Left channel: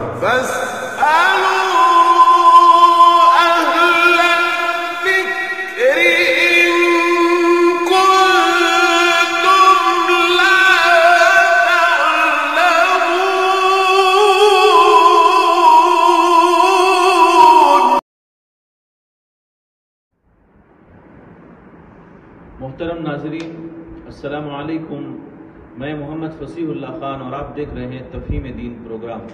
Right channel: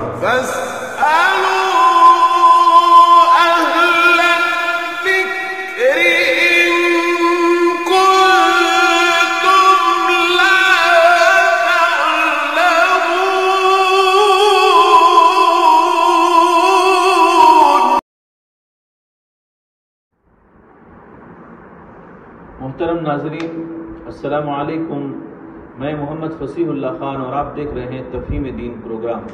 فاسألوا أهل الذكر إن كنتم لا تعلمون۔ محترم ناظرین، السلام علیکم۔ میں محمد فصیح اللہ خان اور آپ دیکھ رہے ہیں تفہیم دین پروگرام۔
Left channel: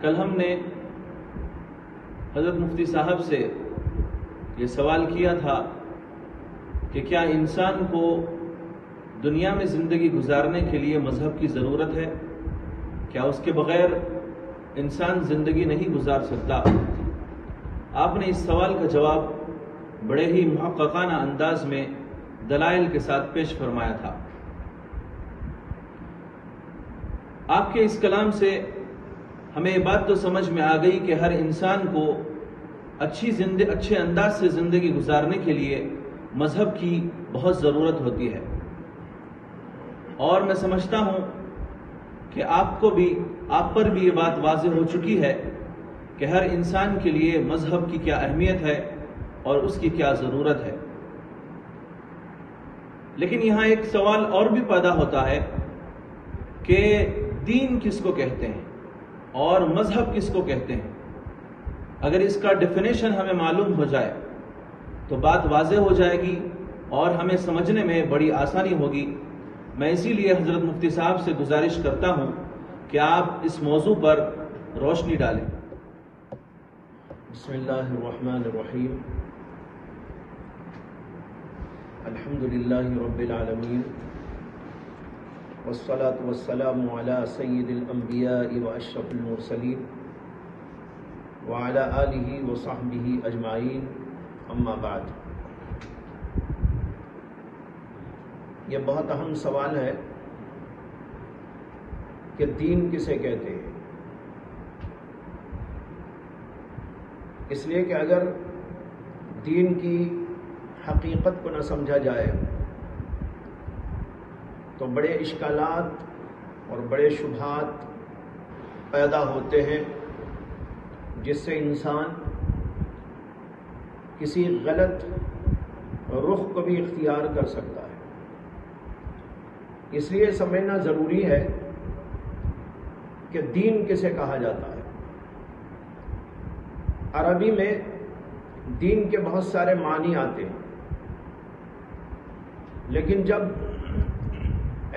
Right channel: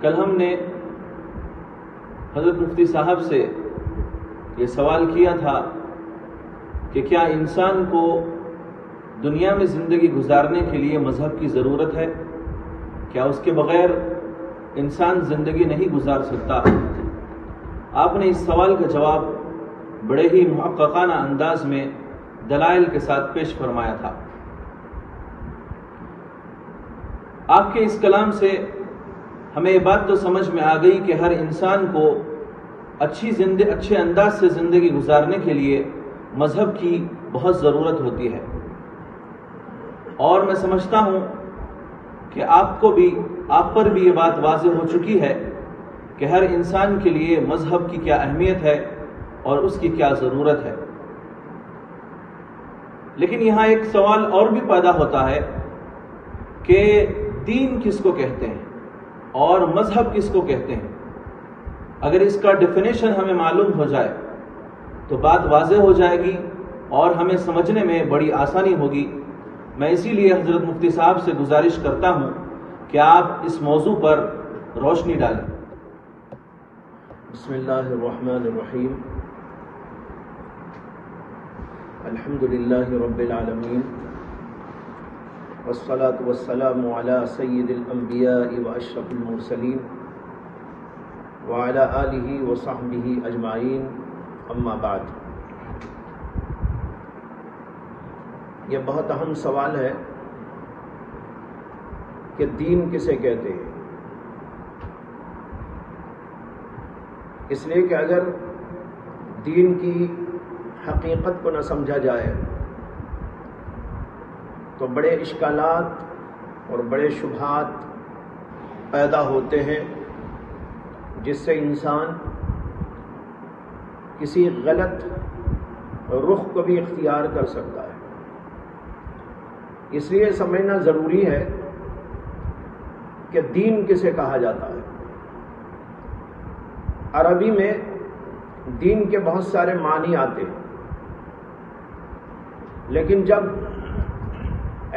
کل ہم نے حضرت مفتی صاحب سے یہ سوال کیا تھا کہ کیا انسان کو دنیا میں زندگی گزارنے کے لیے مذہب کی ضرورت ہے؟ کیا اس کے بغیر انسان زندگی نہیں گزار سکتا؟ آپ نے اس سوال کا جواب بڑے ہی محققانہ انداز میں دلائل کے ساتھ پیش فرمایا تھا۔ آپ کے اس کلام سے ہمیں یہ بات تو سمجھ میں آ گئی کہ ہر انسان کو اچھے انداز سے زندگی گزارنے کے لیے مذہب کی بہت ضرورت ہوتی ہے، اور میں سمجھتا ہوں کہ آپ پر بھی یہ بات واضح ہو چکی ہے کہ ہر انسان کے لیے مذہب کی کیا اہمیت ہے اور اس کی کیا ضرورت ہے۔ لیکن یہاں ایک سوال اور بھی پیدا ہوتا ہے کہ دین کس کو کہتے ہیں اور مذہب کس کو کہتے ہیں؟ اگر اس کا ڈیفینیشن ہمیں معلوم ہو جائے تو بات واضح ہو جائے گی اور ہمیں سمجھنے میں بڑی آسانی ہوگی۔ میں اسی لیے حضرت مفتی صاحب سے گزارش کرتا ہوں کہ آپ اس موضوع پر روشنی ڈالیں۔ بسم اللہ الرحمن الرحیم، الحمد للہ رب العالمین، والصلاة والسلام علی سید الانبیاء واشرف المرسلین وعلی آلہ وصحبہ اجمعین، اما بعد۔ یہ بہت اہم سوال ہے کہ دین کسے کہتے ہیں، اس لیے کہ اگر دین کی حقیقت کو نہ سمجھا جائے تو بڑے اشکالات اور بڑے شبہات پیدا ہوتے ہیں، جس سے انسان کسی غلط رخ کو بھی اختیار کر سکتا ہے۔ اس لیے سمجھنا ضروری ہے کہ دین کسے کہا جاتا ہے۔ عربی میں دین کے بہت سارے معنی آتے ہیں، لیکن جب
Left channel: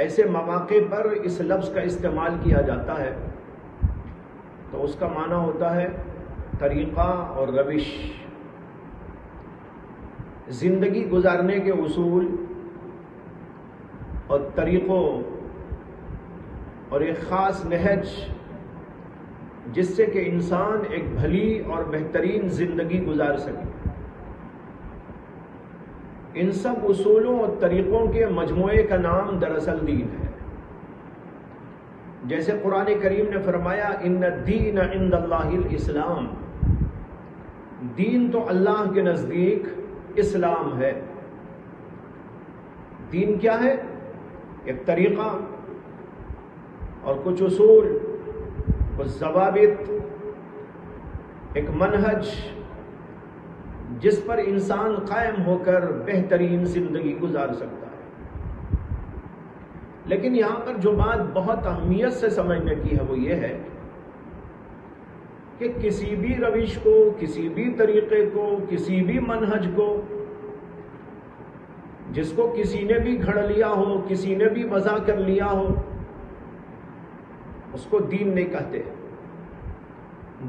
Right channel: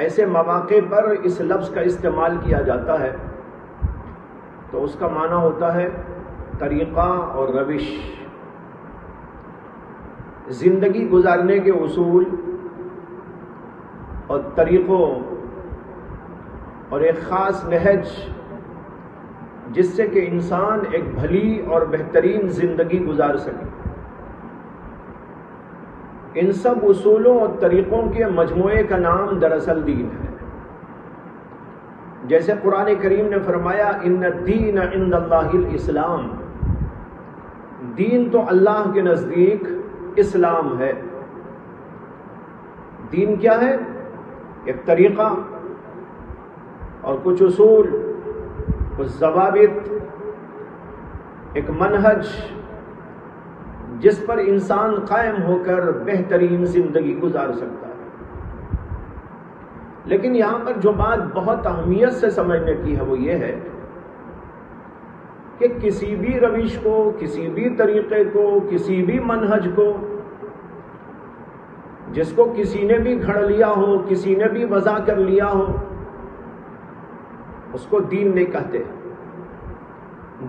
ایسے مواقع پر اس لفظ کا استعمال کیا جاتا ہے تو اس کا معنی ہوتا ہے طریقہ اور روش، زندگی گزارنے کے اصول اور طریقوں اور ایک خاص نہج جس سے کہ انسان ایک بھلی اور بہترین زندگی گزار سکے۔ ان سب اصولوں اور طریقوں کے مجموعے کا نام دراصل دین ہے۔ جیسے قرآن کریم نے فرمایا ان الدین عند اللہ الاسلام، دین تو اللہ کے نزدیک اسلام ہے۔ دین کیا ہے؟ ایک طریقہ اور کچھ اصول، کچھ ضوابط، ایک منہج جس پر انسان قائم ہو کر بہترین زندگی گزار سکتا ہے۔ لیکن یہاں پر جو بات بہت اہمیت سے سمجھنے کی ہے وہ یہ ہے کہ کسی بھی روش کو، کسی بھی طریقے کو، کسی بھی منہج کو جس کو کسی نے بھی گھڑ لیا ہو، کسی نے بھی وضع کر لیا ہو، اس کو دین نہیں کہتے۔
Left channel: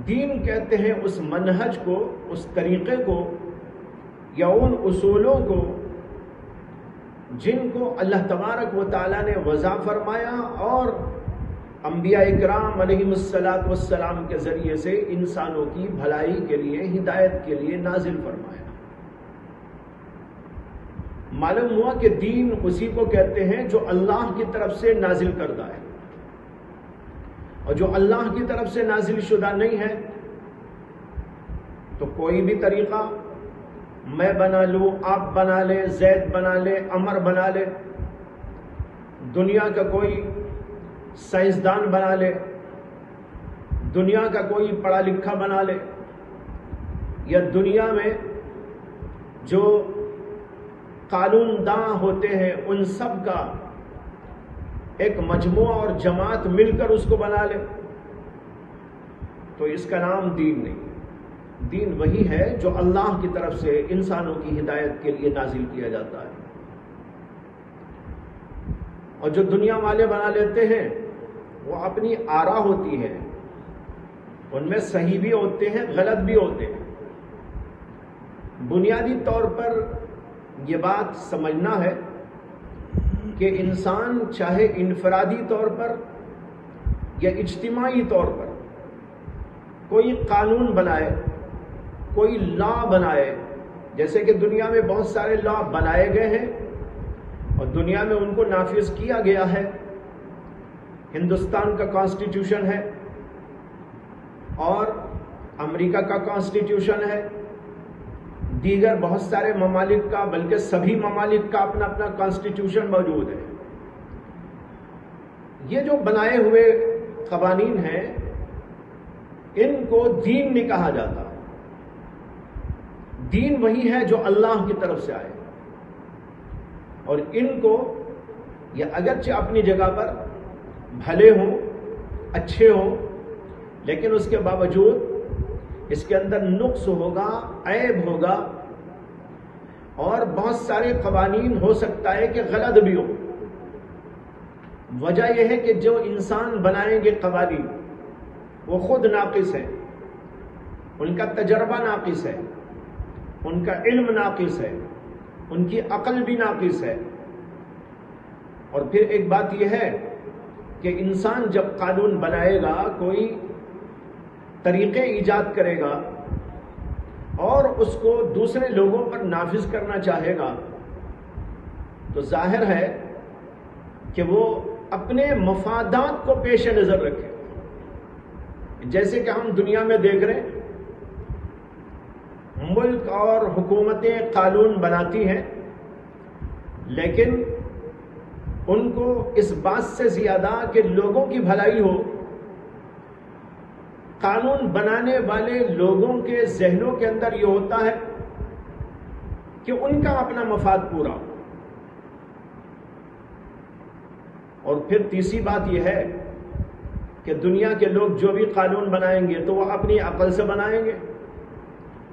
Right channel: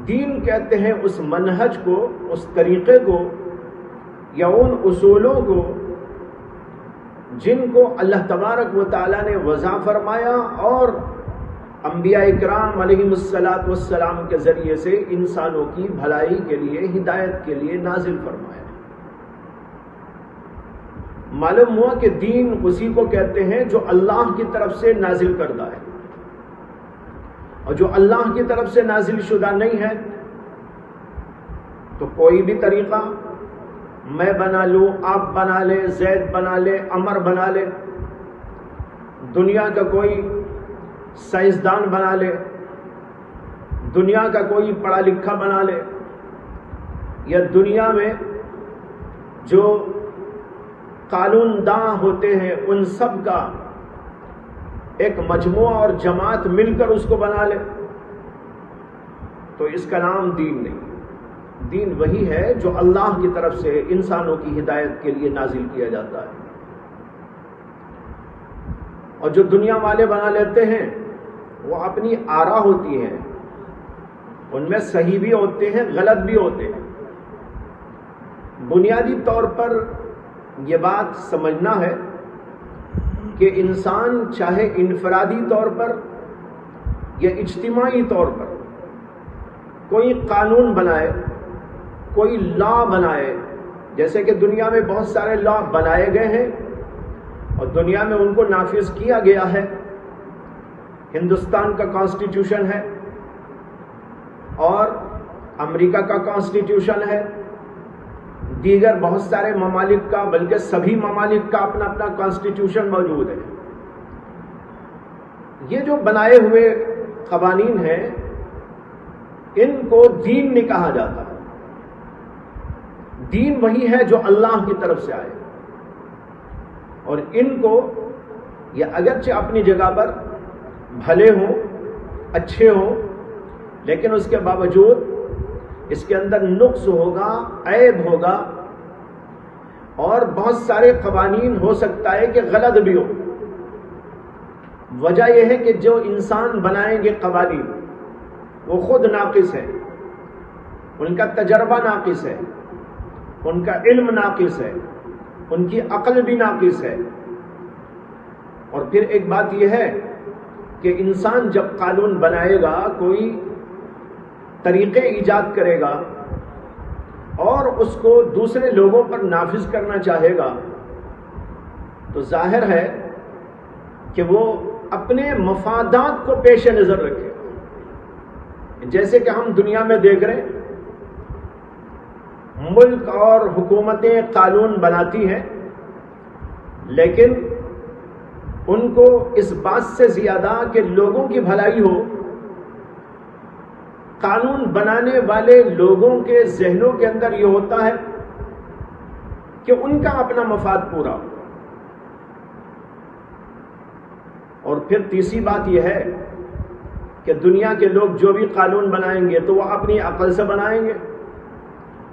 دین کہتے ہیں اس منہج کو، اس طریقے کو یا ان اصولوں کو جن کو اللہ تبارک و تعالیٰ نے وضع فرمایا اور انبیاء اکرام علیہم السلام کے ذریعے سے انسانوں کی بھلائی کے لیے، ہدایت کے لیے نازل فرمایا۔ معلوم ہوا کہ دین اسی کو کہتے ہیں جو اللہ کی طرف سے نازل کردہ ہے، اور جو اللہ کی طرف سے نازل شدہ نہیں ہے تو کوئی بھی طریقہ میں بنا لوں، آپ بنا لے، زید بنا لے، عمر بنا لے، دنیا کا کوئی سائنسدان بنا لے، دنیا کا کوئی پڑھا لکھا بنا لے، یا دنیا میں جو قانون داں ہوتے ہیں ان سب کا ایک مجموعہ اور جماعت مل کر اس کو بنا لے، تو اس کا نام دین نہیں۔ دین وہی ہے جو اللہ کی طرف سے انسانوں کی ہدایت کے لیے نازل کیا جاتا ہے۔ اور جو دنیا والے بنا لیتے ہیں وہ اپنی آرا ہوتی ہیں، ان میں صحیح بھی ہوتے ہیں غلط بھی ہوتے ہیں۔ بنیادی طور پر یہ بات سمجھنا ہے کہ انسان چاہے انفرادی طور پر یا اجتماعی طور پر کوئی قانون بنائے، کوئی لا بنائے، جیسے کہ دنیا میں بہت سارے لا بنائے گئے ہیں اور دنیا میں ان کو نافذ کیا گیا ہے۔ ہندوستان کا کانسٹیٹیوشن ہے اور امریکہ کا کانسٹیٹیوشن ہے، دیگر بہت سارے ممالک کا، بلکہ سبھی ممالک کا اپنا اپنا کانسٹیٹیوشن موجود ہے۔ یہ جو بنائے ہوئے قوانین ہیں ان کو دین نہیں کہا جاتا۔ دین وہی ہے جو اللہ کی طرف سے آئے، اور ان کو یہ اگرچہ اپنی جگہ پر بھلے ہوں، اچھے ہوں، لیکن اس کے باوجود اس کے اندر نقص ہوگا، عیب ہوگا، اور بہت سارے قوانین ہو سکتا ہے کہ غلط بھی ہو۔ وجہ یہ ہے کہ جو انسان بنائیں گے قوانین وہ خود ناقص ہے، ان کا تجربہ ناقص ہے، ان کا علم ناقص ہے، ان کی عقل بھی ناقص ہے۔ اور پھر ایک بات یہ ہے کہ انسان جب قانون بنائے گا، کوئی طریقے ایجاد کرے گا اور اس کو دوسرے لوگوں پر نافذ کرنا چاہے گا، تو ظاہر ہے کہ وہ اپنے مفادات کو پیش نظر رکھے۔ جیسے کہ ہم دنیا میں دیکھ رہے ہیں، ملک اور حکومتیں قانون بناتی ہیں، لیکن ان کو اس بات سے زیادہ کہ لوگوں کی بھلائی ہو، قانون بنانے والے لوگوں کے ذہنوں کے اندر یہ ہوتا ہے کہ ان کا اپنا مفاد پورا ہو۔ اور پھر تیسری بات یہ ہے کہ دنیا کے لوگ جو بھی قانون بنائیں گے تو وہ اپنی عقل سے بنائیں گے۔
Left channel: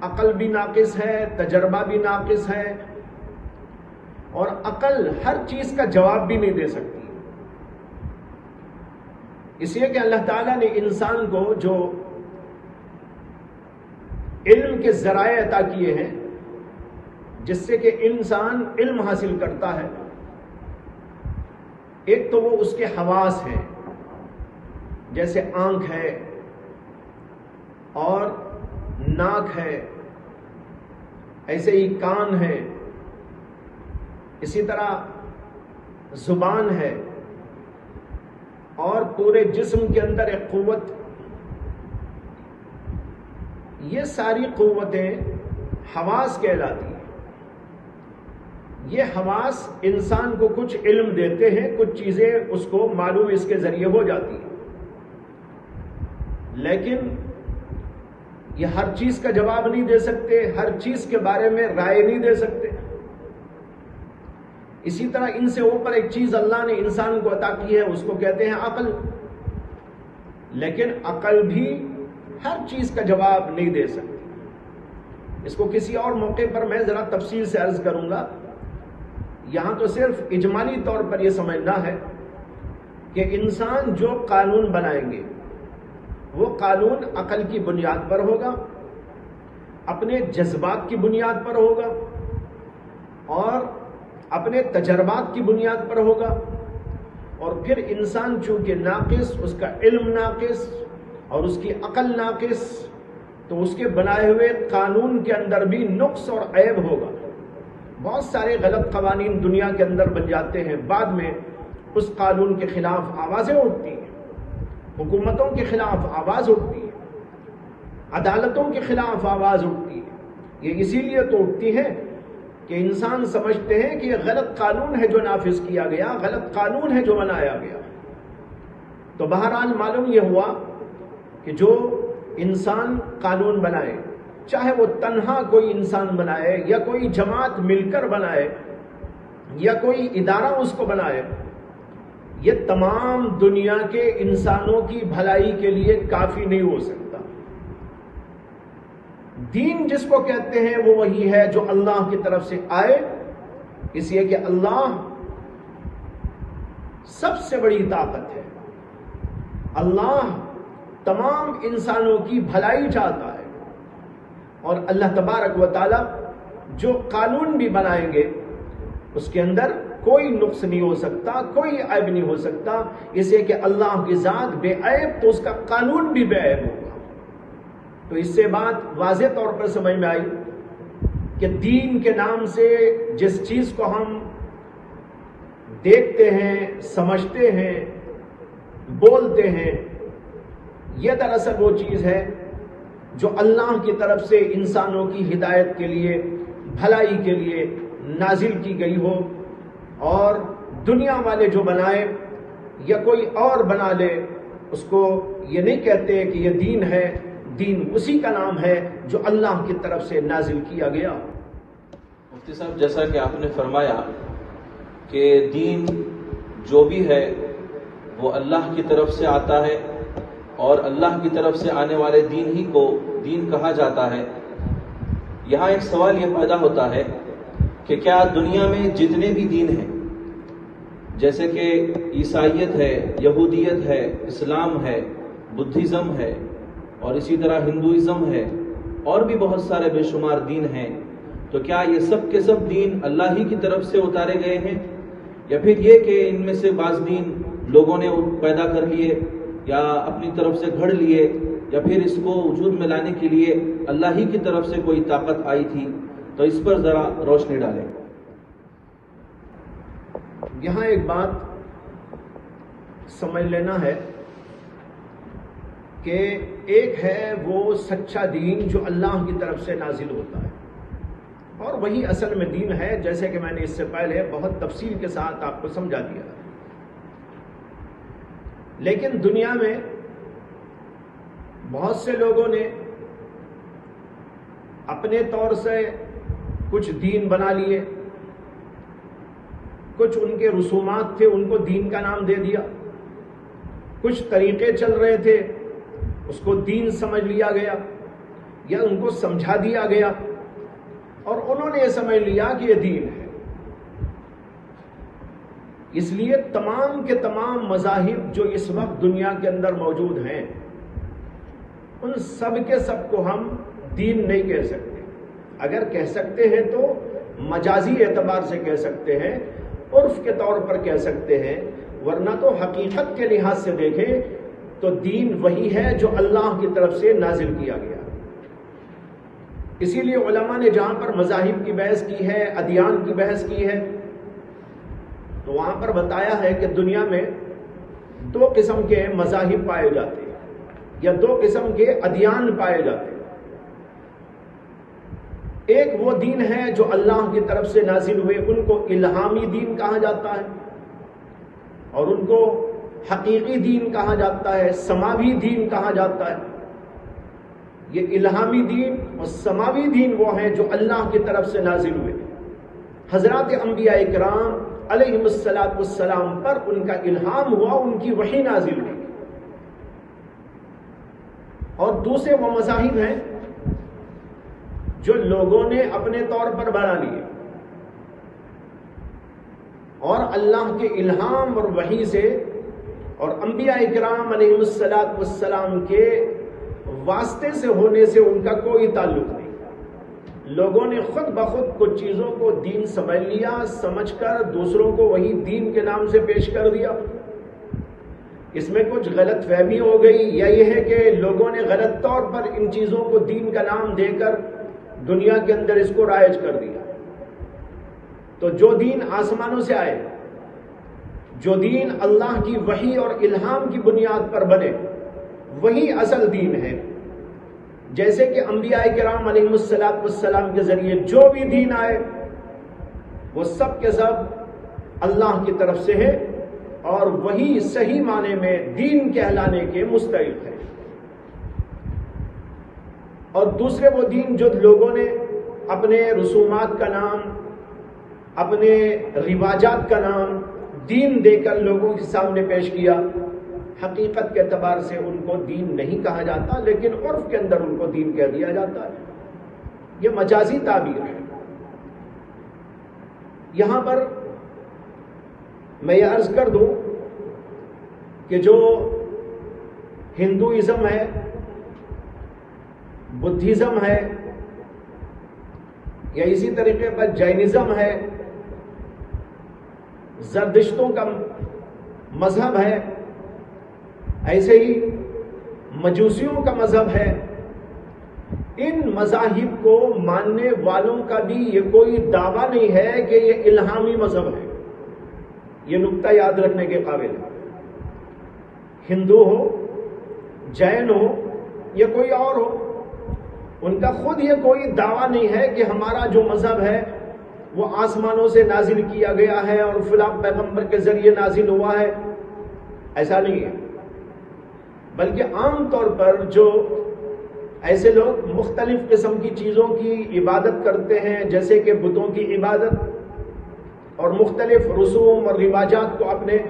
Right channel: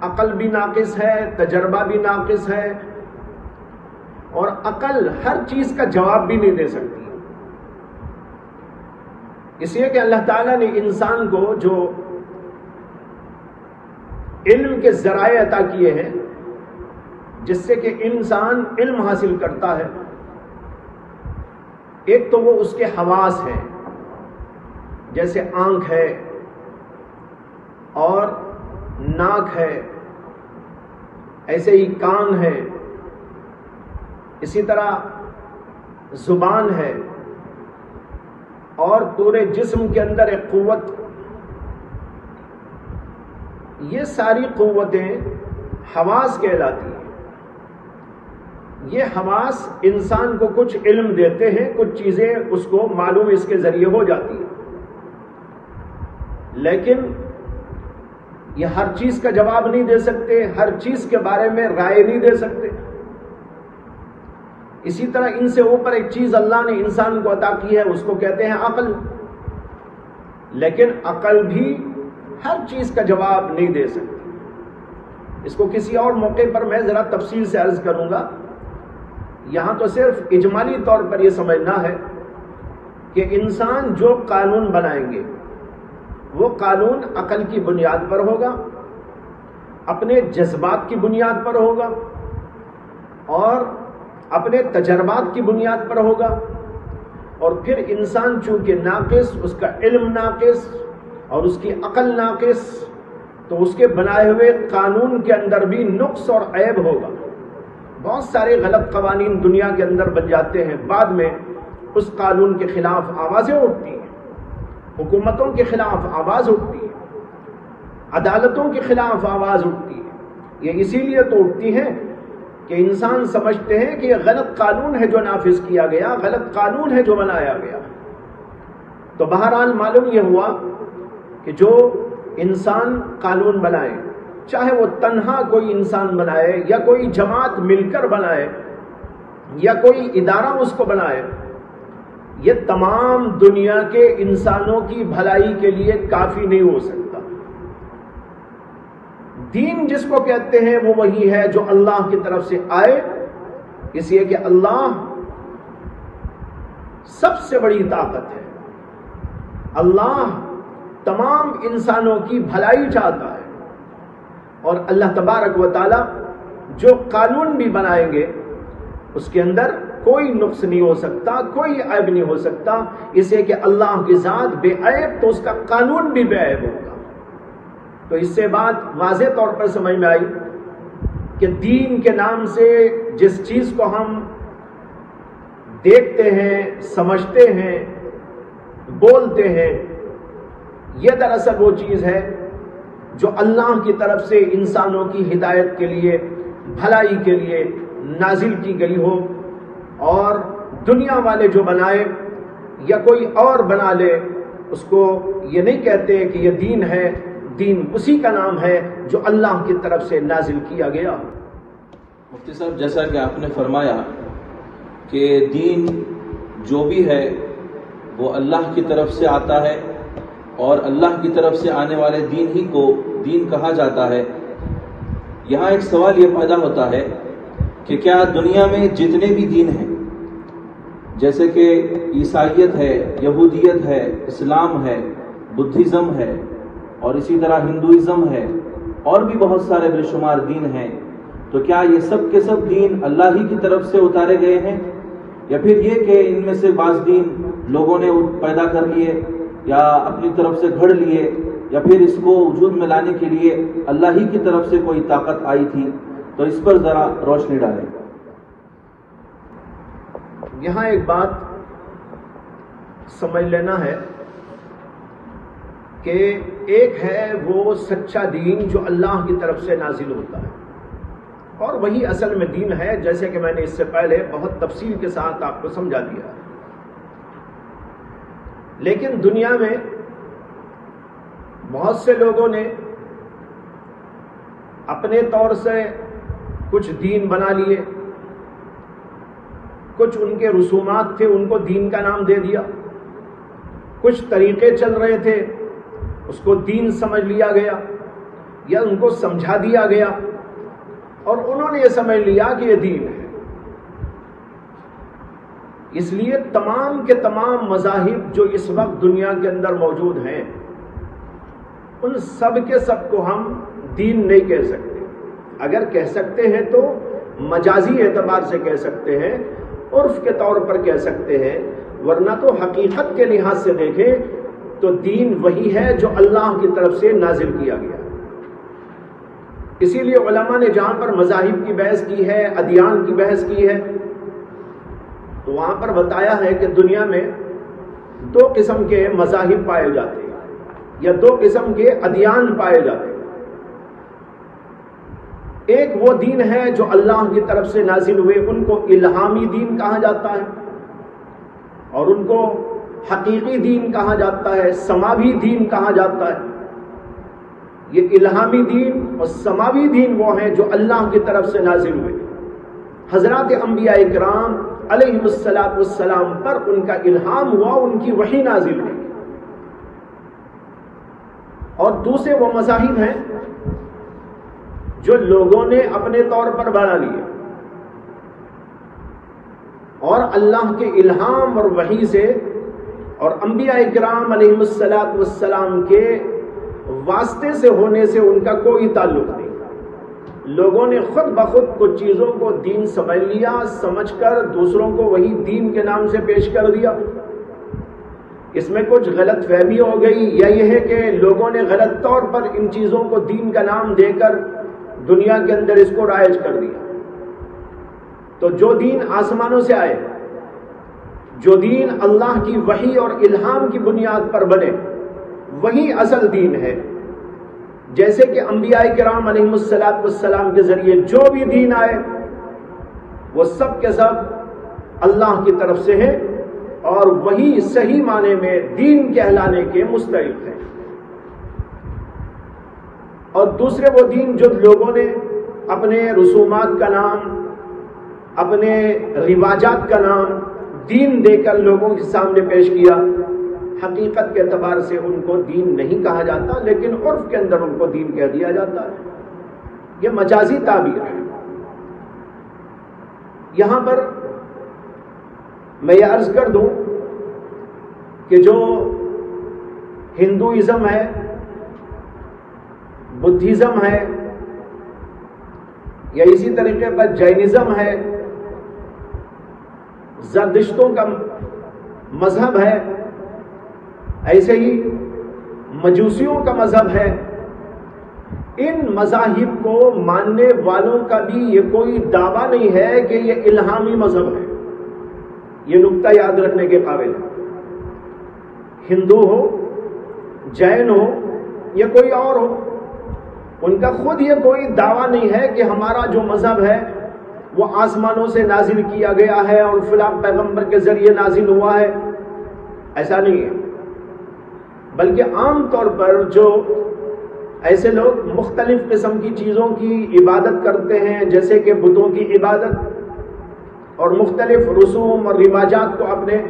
عقل بھی ناقص ہے، تجربہ بھی ناقص ہے، اور عقل ہر چیز کا جواب بھی نہیں دے سکتی۔ اس لیے کہ اللہ تعالیٰ نے انسان کو جو علم کے ذرائع عطا کیے ہیں جس سے کہ انسان علم حاصل کرتا ہے، ایک تو وہ اس کے حواس ہیں، جیسے آنکھ ہے اور ناک ہے، ایسے ہی کان ہے، اسی طرح زبان ہے، اور پورے جسم کے اندر ایک قوت۔ یہ ساری قوتیں حواس کہلاتی ہیں۔ یہ حواس انسان کو کچھ علم دیتے ہیں، کچھ چیزیں اس کو معلوم اس کے ذریعے ہو جاتی ہیں، لیکن یہ ہر چیز کا جواب نہیں دے سکتے، ہر چیز کے بارے میں رائے نہیں دے سکتے۔ اسی طرح ان سے اوپر ایک چیز اللہ نے انسان کو عطا کی ہے، اس کو کہتے ہیں عقل، لیکن عقل بھی ہر چیز کا جواب نہیں دے سکتی۔ اس کو کسی اور موقع پر میں ذرا تفصیل سے عرض کروں گا، یہاں تو صرف اجمالی طور پر یہ سمجھنا ہے کہ انسان جو قانون بنائیں گے وہ قانون عقل کی بنیاد پر ہوگا، اپنے جذبات کی بنیاد پر ہوگا، اور اپنے تجربات کی بنیاد پر ہوگا۔ اور پھر انسان چونکہ ناقص، اس کا علم ناقص اور اس کی عقل ناقص، تو اس کے بنائے ہوئے قانون کے اندر بھی نقص اور عیب ہوگا۔ بہت سارے غلط قوانین دنیا کے اندر بن جاتے ہیں، بعد میں اس قانون کے خلاف آوازیں اٹھتی ہیں، حکومتوں کے خلاف آواز اٹھتی ہے، عدالتوں کے خلاف آواز اٹھتی ہے۔ یہ اسی لیے تو اٹھتی ہے کہ انسان سمجھتے ہیں کہ یہ غلط قانون ہے جو نافذ کیا گیا، غلط قانون ہے جو بنایا گیا۔ تو بہرحال معلوم یہ ہوا کہ جو انسان قانون بنائے، چاہے وہ تنہا کوئی انسان بنائے یا کوئی جماعت مل کر بنائے یا کوئی ادارہ اس کو بنائے، یہ تمام دنیا کے انسانوں کی بھلائی کے لیے کافی نہیں ہو سکتا۔ دین جس کو کہتے ہیں وہ وہی ہے جو اللہ کی طرف سے آئے، اس لیے کہ اللہ سب سے بڑی طاقت ہے، اللہ تمام انسانوں کی بھلائی چاہتا ہے، اور اللہ تبارک و تعالی جو قانون بھی بنائیں گے اس کے اندر کوئی نقص نہیں ہو سکتا، کوئی عیب نہیں ہو سکتا، اس لیے کہ اللہ کی ذات بے عیب تو اس کا قانون بھی بے عیب ہوگا۔ تو اس سے بات واضح طور پر سمجھ میں آئی کہ دین کے نام سے جس چیز کو ہم دیکھتے ہیں، سمجھتے ہیں، بولتے ہیں، یہ دراصل وہ چیز ہے جو اللہ کی طرف سے انسانوں کی ہدایت کے لیے، بھلائی کے لیے نازل کی گئی ہو، اور دنیا والے جو بنائے یا کوئی اور بنا لے اس کو یہ نہیں کہتے کہ یہ دین ہے، دین اسی کا نام ہے جو اللہ کی طرف سے نازل کیا گیا۔ مفتی صاحب، جیسا کہ آپ نے فرمایا کہ دین جو بھی ہے وہ اللہ کی طرف سے آتا ہے، اور اللہ کی طرف سے آنے والے دین ہی کو دین کہا جاتا ہے، یہاں ایک سوال یہ پیدا ہوتا ہے کہ کیا دنیا میں جتنے بھی دین ہیں، جیسے کہ عیسائیت ہے، یہودیت ہے، اسلام ہے، بدھزم ہے، اور اسی طرح ہندوازم ہے، اور بھی بہت سارے بے شمار دین ہیں، تو کیا یہ سب کے سب دین اللہ ہی کی طرف سے اتارے گئے ہیں، یا پھر یہ کہ ان میں سے بعض دین لوگوں نے پیدا کر لیے یا اپنی طرف سے گھڑ لیے، یا پھر اس کو وجود میں لانے کے لیے اللہ ہی کی طرف سے کوئی طاقت آئی تھی؟ تو اس پر ذرا روشنی ڈالیں۔ یہاں ایک بات سمجھ لینا ہے کہ ایک ہے وہ سچا دین جو اللہ کی طرف سے نازل ہوتا ہے، اور وہی اصل میں دین ہے، جیسے کہ میں نے اس سے پہلے بہت تفصیل کے ساتھ آپ کو سمجھا دیا ہے۔ لیکن دنیا میں بہت سے لوگوں نے اپنے طور سے کچھ دین بنا لیے، کچھ ان کے رسومات تھے، ان کو دین کا نام دے دیا، کچھ طریقے چل رہے تھے اس کو دین سمجھ لیا گیا یا ان کو سمجھا دیا گیا، اور انہوں نے یہ سمجھ لیا کہ یہ دین ہے۔ اس لیے تمام کے تمام مذاہب جو اس وقت دنیا کے اندر موجود ہیں، ان سب کے سب کو ہم دین نہیں کہہ سکتے۔ اگر کہہ سکتے ہیں تو مجازی اعتبار سے کہہ سکتے ہیں، عرف کے طور پر کہہ سکتے ہیں، ورنہ تو حقیقت کے لحاظ سے دیکھیں تو دین وہی ہے جو اللہ کی طرف سے نازل کیا گیا۔ اسی لیے علماء نے جہاں پر مذاہب کی بحث کی ہے، ادیان کی بحث کی ہے، تو وہاں پر بتایا ہے کہ دنیا میں دو قسم کے مذاہب پائے جاتے ہیں یا دو قسم کے ادیان پائے جاتے ہیں۔ ایک وہ دین ہے جو اللہ کی طرف سے نازل ہوئے، ان کو الہامی دین کہا جاتا ہے، اور ان کو حقیقی دین کہا جاتا ہے، سماوی دین کہا جاتا ہے۔ یہ الہامی دین اور سماوی دین وہ ہیں جو اللہ کی طرف سے نازل ہوئے، حضرات انبیاء کرام علیہم الصلاۃ والسلام پر ان کا الہام ہوا، ان کی وحی نازل ہوئی۔ اور دوسرے وہ مذاہب ہیں جو لوگوں نے اپنے طور پر بنا لیے، اور اللہ کے الہام اور وحی سے اور انبیاء کرام علیہم الصلاۃ والسلام کے واسطے سے ہونے سے ان کا کوئی تعلق نہیں۔ لوگوں نے خود بخود کچھ چیزوں کو دین سمجھ لیا، سمجھ کر دوسروں کو وہی دین کے نام سے پیش کر دیا۔ اس میں کچھ غلط فہمی ہو گئی، یا یہ ہے کہ لوگوں نے غلط طور پر ان چیزوں کو دین کا نام دے کر دنیا کے اندر اس کو رائج کر دیا۔ تو جو دین آسمانوں سے آئے، جو دین اللہ کی وحی اور الہام کی بنیاد پر بنے، وہی اصل دین ہے۔ جیسے کہ انبیاء کرام علیہم الصلاۃ والسلام کے ذریعے جو بھی دین آئے وہ سب کے سب اللہ کی طرف سے ہیں، اور وہی صحیح معنی میں دین کہلانے کے مستحق ہیں۔ اور دوسرے وہ دین جو لوگوں نے اپنے رسومات کا نام، اپنے رواجات کا نام دین دے کر لوگوں کے سامنے پیش کیا، حقیقت کے اعتبار سے ان کو دین نہیں کہا جاتا، لیکن عرف کے اندر ان کو دین کہہ دیا جاتا ہے۔ یہ مجازی تعبیر ہے۔ یہاں پر میں یہ عرض کر دوں کہ جو ہندوازم ہے، بدھزم ہے، یا اسی طریقے پر جینزم ہے، زردشتوں کا مذہب ہے، ایسے ہی مجوسیوں کا مذہب ہے، ان مذاہب کو ماننے والوں کا بھی یہ کوئی دعویٰ نہیں ہے کہ یہ الہامی مذہب ہے۔ یہ نقطہ یاد رکھنے کے قابل ہے۔ ہندو ہو، جین ہو یا کوئی اور ہو، ان کا خود یہ کوئی دعویٰ نہیں ہے کہ ہمارا جو مذہب ہے وہ آسمانوں سے نازل کیا گیا ہے اور فلاں پیغمبر کے ذریعے نازل ہوا ہے، ایسا نہیں ہے۔ بلکہ عام طور پر جو ایسے لوگ مختلف قسم کی چیزوں کی عبادت کرتے ہیں، جیسے کہ بتوں کی عبادت اور مختلف رسوم اور رواجات کو اپنے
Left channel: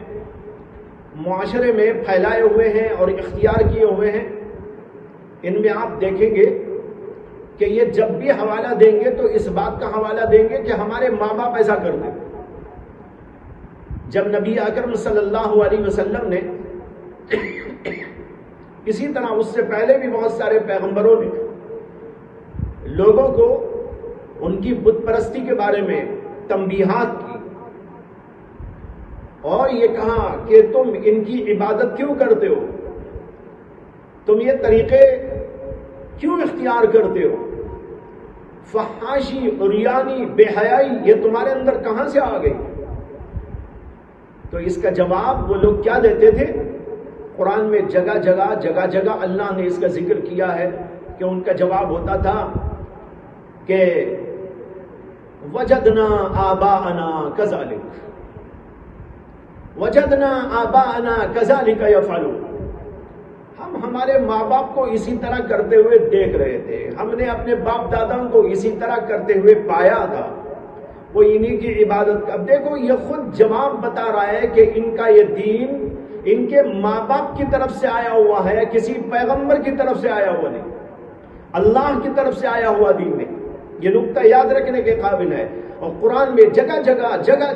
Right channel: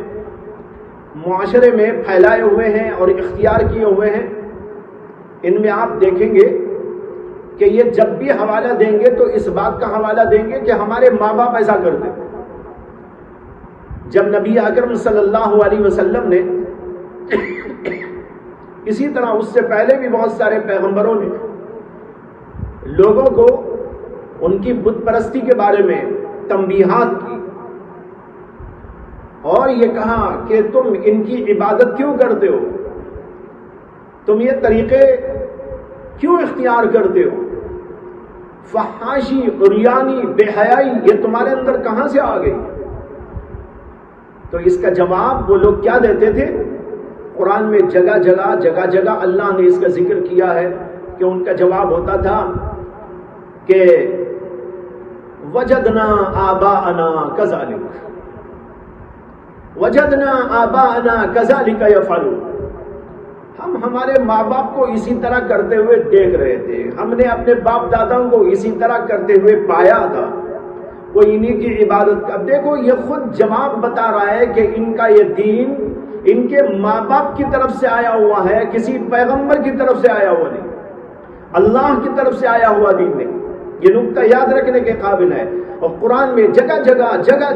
معاشرے میں پھیلائے ہوئے ہیں اور اختیار کیے ہوئے ہیں، ان میں آپ دیکھیں گے کہ یہ جب بھی حوالہ دیں گے تو اس بات کا حوالہ دیں گے کہ ہمارے ماں باپ ایسا کرتے۔ جب نبی اکرم صلی اللہ علیہ وسلم نے، اسی طرح اس سے پہلے بھی بہت سارے پیغمبروں نے لوگوں کو ان کی بت پرستی کے بارے میں تنبیہات کی اور یہ کہا کہ تم ان کی عبادت کیوں کرتے ہو، تم یہ طریقے کیوں اختیار کرتے ہو، فحاشی، عریانی، بے حیائی یہ تمہارے اندر کہاں سے آ گئی؟ تو اس کا جواب وہ لوگ کیا دیتے تھے؟ قرآن میں جگہ جگہ اللہ نے اس کا ذکر کیا ہے کہ ان کا جواب ہوتا تھا کہ وجدنا آباءنا کذالک، وجدنا آباءنا کذالک یفعلون، ہم ہمارے ماں باپ کو اسی طرح کرتے ہوئے دیکھ رہے تھے، ہم نے اپنے باپ داداؤں کو اسی طرح کرتے ہوئے پایا تھا، وہ انہی کی عبادت۔ اب دیکھو یہ خود جواب بتا رہا ہے کہ ان کا یہ دین ان کے ماں باپ کی طرف سے آیا ہوا ہے، کسی پیغمبر کی طرف سے آیا ہوا نہیں، اللہ کی طرف سے آیا ہوا دین نہیں۔ یہ نقطہ یاد رکھنے کے قابل ہے، اور قرآن میں جگہ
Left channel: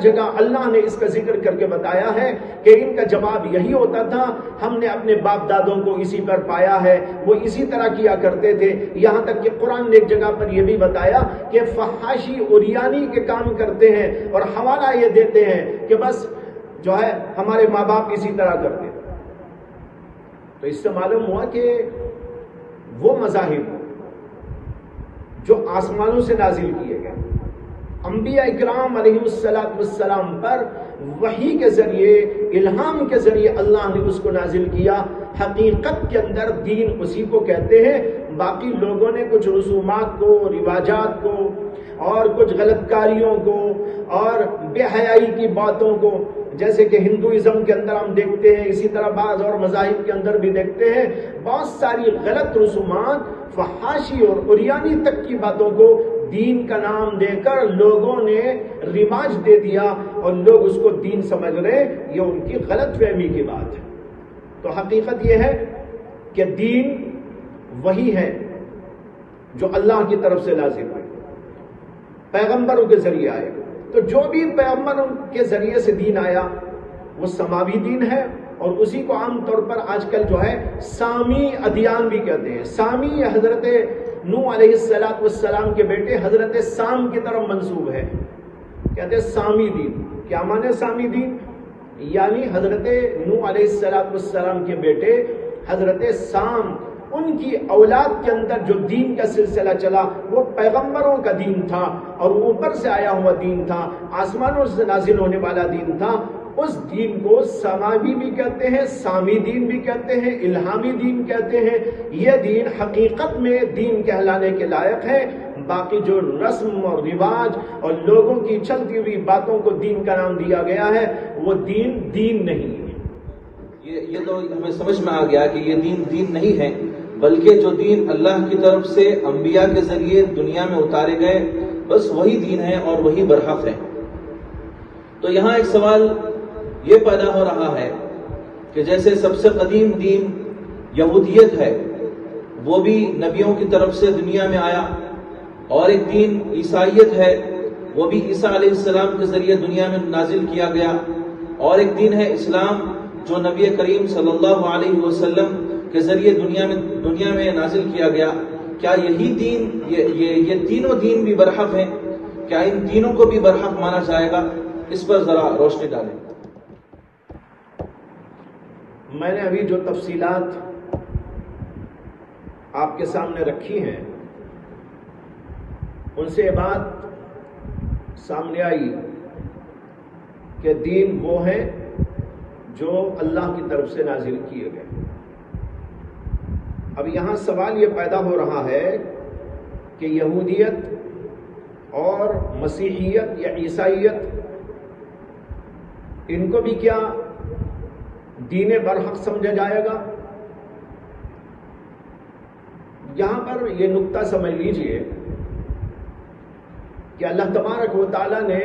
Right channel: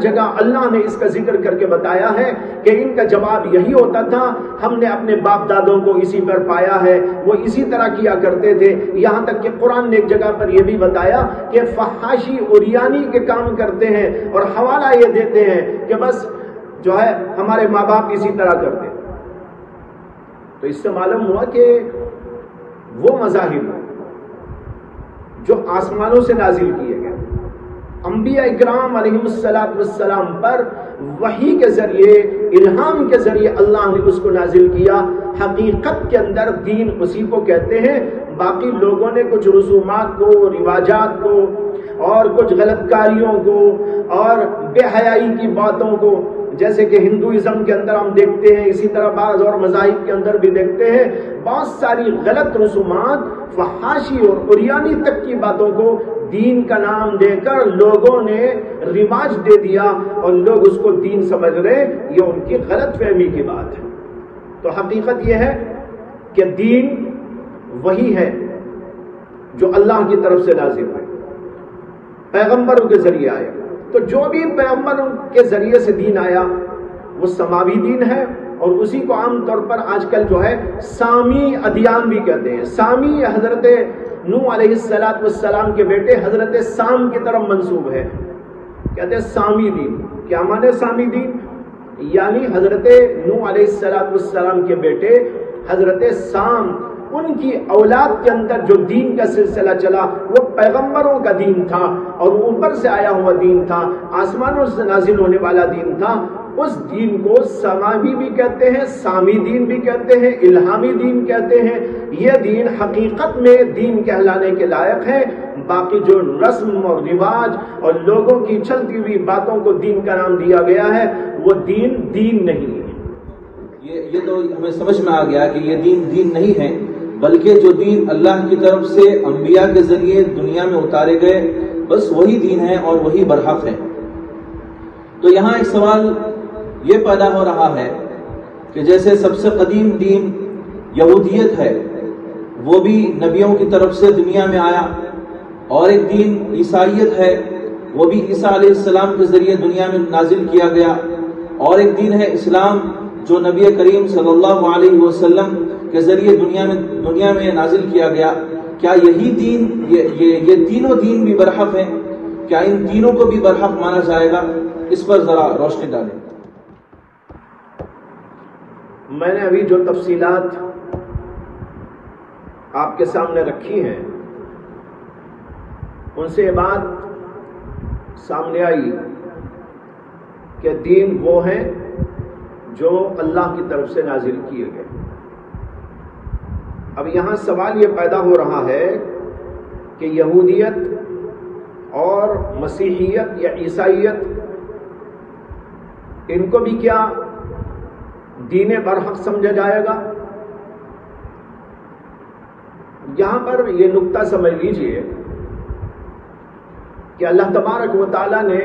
جگہ اللہ نے اس کا ذکر کر کے بتایا ہے کہ ان کا جواب یہی ہوتا تھا، ہم نے اپنے باپ دادوں کو اسی پر پایا ہے، وہ اسی طرح کیا کرتے تھے۔ یہاں تک کہ قرآن نے ایک جگہ پر یہ بھی بتایا کہ فحاشی عریانی کے کام کرتے ہیں اور حوالہ یہ دیتے ہیں کہ بس جو ہے ہمارے ماں باپ اسی طرح کرتے۔ تو اس سے معلوم ہوا کہ وہ مذاہب جو آسمانوں سے نازل کیے گئے، انبیاء اکرام علیہ السلام پر وحی کے ذریعے، الہام کے ذریعے اللہ نے اس کو نازل کیا، حقیقت کے اندر دین اسی کو کہتے ہیں۔ باقی لوگوں نے کچھ رسومات کو، رواجات کو اور کچھ غلط کاریوں کو اور بے حیائی کی باتوں کو، جیسے کہ ہندوازم کے اندر ہم دیکھتے ہیں، اسی طرح بعض اور مذاہب کے اندر بھی دیکھتے ہیں، بہت ساری غلط رسومات، فحاشی اور عریانی تک کی باتوں کو دین کا نام دے کر لوگوں نے رواج دے دیا اور لوگ اس کو دین سمجھ رہے ہیں۔ یہ ان کی غلط فہمی کی بات ہے۔ تو حقیقت یہ ہے کہ دین وہی ہے جو اللہ کی طرف سے لازم ہے، پیغمبروں کے ذریعے آئے۔ تو جو بھی پیغمبروں کے ذریعے سے دین آیا وہ سماوی دین ہے، اور اسی کو عام طور پر آج کل جو ہے سامی ادیان بھی کہتے ہیں۔ سامی حضرت نوح علیہ السلام کے بیٹے حضرت سام کی طرف منسوب ہے، کہتے ہیں سامی دین۔ کیا مانے سامی دین؟ یعنی حضرت نوح علیہ السلام کے بیٹے حضرت سام، ان کی اولاد کے اندر جو دین کا سلسلہ چلا وہ پیغمبروں کا دین تھا، اور وہ اوپر سے آیا ہوا دین تھا، آسمانوں سے نازل ہونے والا دین تھا۔ اس دین کو سماوی بھی کہتے ہیں، سامی دین بھی کہتے ہیں، الہامی دین کہتے ہیں۔ یہ دین حقیقت میں دین کہلانے کے لائق ہے۔ باقی جو رسم اور رواج اور لوگوں کی چلتی ہوئی باتوں کو دین کا نام دیا گیا ہے وہ دین نہیں ہے۔ یہ تو ہمیں سمجھ میں آ گیا کہ یہ دین نہیں ہے۔ بلکہ جو دین اللہ کی طرف سے انبیاء کے ذریعے دنیا میں اتارے گئے بس وہی دین ہے اور وہی برحق ہے۔ تو یہاں ایک سوال یہ پیدا ہو رہا ہے کہ جیسے سب سے قدیم دین یہودیت ہے، وہ بھی نبیوں کی طرف سے دنیا میں آیا، اور ایک دین عیسائیت ہے، وہ بھی عیسیٰ علیہ السلام کے ذریعے دنیا میں نازل کیا گیا، اور ایک دین ہے اسلام جو نبی کریم صلی اللہ علیہ وسلم کے ذریعے دنیا میں نازل کیا گیا۔ کیا یہی دین یہ تینوں دین بھی برحق ہیں؟ کیا ان تینوں کو بھی برحق مانا جائے گا؟ اس پر ذرا روشنی ڈالیں۔ میں نے ابھی جو تفصیلات آپ کے سامنے رکھی ہیں ان سے یہ بات سامنے آئی کہ دین وہ ہیں جو اللہ کی طرف سے نازل کیے گئے۔ اب یہاں سوال یہ پیدا ہو رہا ہے کہ یہودیت اور مسیحیت یا عیسائیت ان کو بھی کیا دین برحق سمجھا جائے گا؟ یہاں پر یہ نقطہ سمجھ لیجئے کہ اللہ تبارک و تعالیٰ نے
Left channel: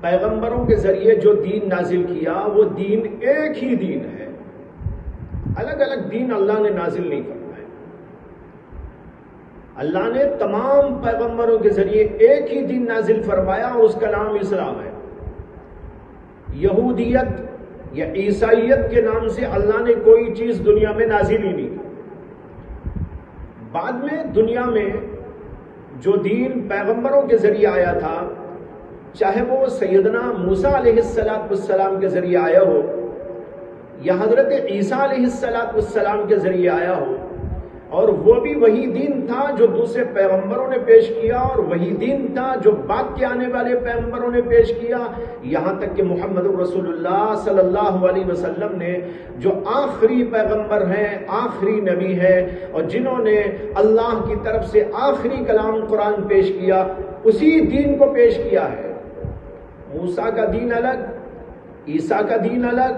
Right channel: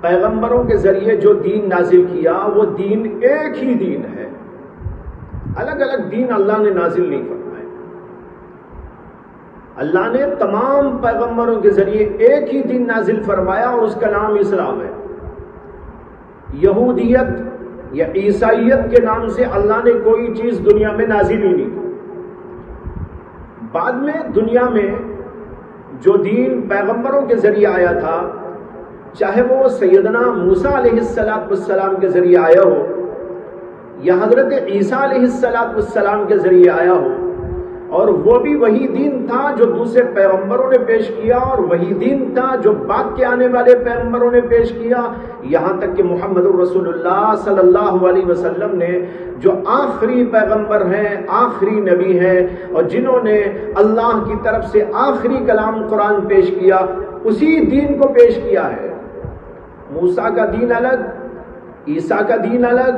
پیغمبروں کے ذریعے جو دین نازل کیا وہ دین ایک ہی دین ہے، الگ الگ دین اللہ نے نازل نہیں فرمائے۔ اللہ نے تمام پیغمبروں کے ذریعے ایک ہی دین نازل فرمایا اور اس کا نام اسلام ہے۔ یہودیت یا عیسائیت کے نام سے اللہ نے کوئی چیز دنیا میں نازل ہی نہیں کی۔ بعد میں دنیا میں جو دین پیغمبروں کے ذریعے آیا تھا، چاہے وہ سیدنا موسیٰ علیہ السلام کے ذریعے آیا ہو یا حضرت عیسیٰ علیہ السلام کے ذریعے آیا ہو، اور وہ بھی وہی دین تھا جو دوسرے پیغمبروں نے پیش کیا، اور وہی دین تھا جو بعد کے آنے والے پیغمبروں نے پیش کیا، یہاں تک کہ محمد رسول اللہ صلی اللہ علیہ وسلم نے جو آخری پیغمبر ہیں، آخری نبی ہیں، اور جنہوں نے اللہ کی طرف سے آخری کلام قرآن پیش کیا، اسی دین کو پیش کیا ہے۔ موسیٰ کا دین الگ، عیسیٰ کا دین الگ،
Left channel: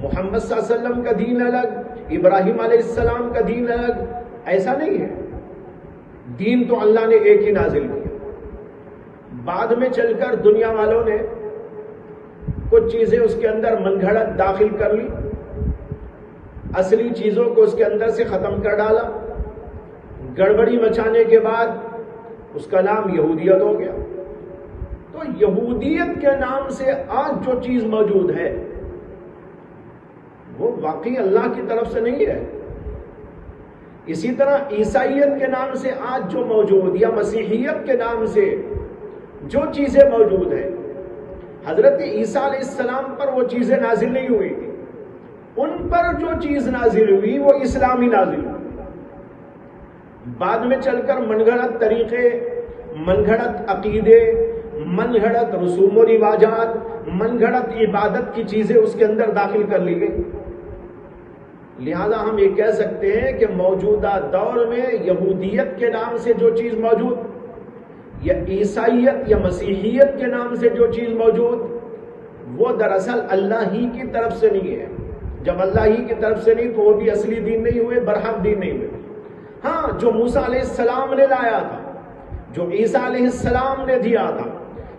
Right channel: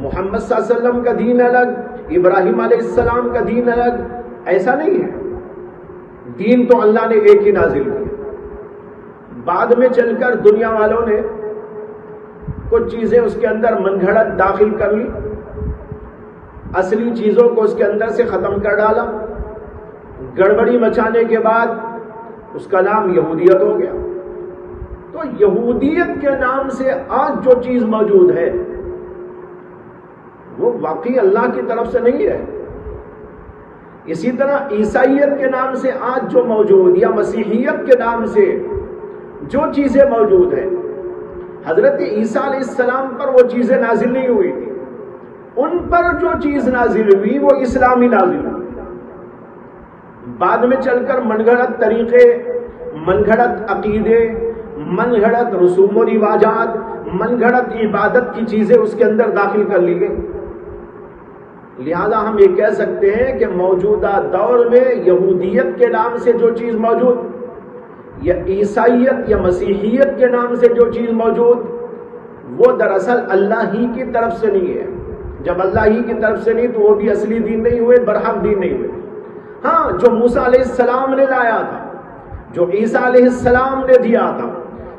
محمد صلی اللہ علیہ وسلم کا دین الگ، ابراہیم علیہ السلام کا دین الگ، ایسا نہیں ہے۔ دین تو اللہ نے ایک ہی نازل کیا۔ بعد میں چل کر دنیا والوں نے کچھ چیزیں اس کے اندر من گھڑت داخل کر لی، اصلی چیزوں کو اس کے اندر سے ختم کر ڈالا، گڑبڑی مچانے کے بعد اس کا نام یہودیت ہو گیا۔ تو یہودیت کے نام سے آج جو چیز موجود ہے وہ واقعی اللہ کی طرف سے نہیں ہے۔ اسی طرح عیسائیت کے نام سے آج جو موجود یا مسیحیت کے نام سے جو چیزیں موجود ہیں، حضرت عیسیٰ علیہ السلام پر وہ چیزیں نازل نہیں ہوئی تھی، ان پر جو چیز نازل ہوئی وہ اسلامی نازل ہوئی۔ بعد میں چل کر من گھڑت طریقے، من گھڑت عقیدے، من گھڑت رسوم و رواجات، من گھڑت عبادت کی چیزیں اس کے اندر داخل کر لی گئی۔ لہذا ہم یہ کہہ سکتے ہیں کہ موجودہ دور میں یہودیت کے نام سے جو چیز موجود، یا عیسائیت یا مسیحیت کے نام سے جو چیز موجود، وہ دراصل اللہ ہی کی طرف سے نہیں ہے۔ جب اللہ ہی کی طرف سے نہیں تو وہ بھی اصلی دین نہیں ہوئے، برحق دین نہیں ہوئے۔ ہاں، جو موسیٰ علیہ السلام نے لایا تھا، جو عیسیٰ علیہ السلام نے دیا تھا،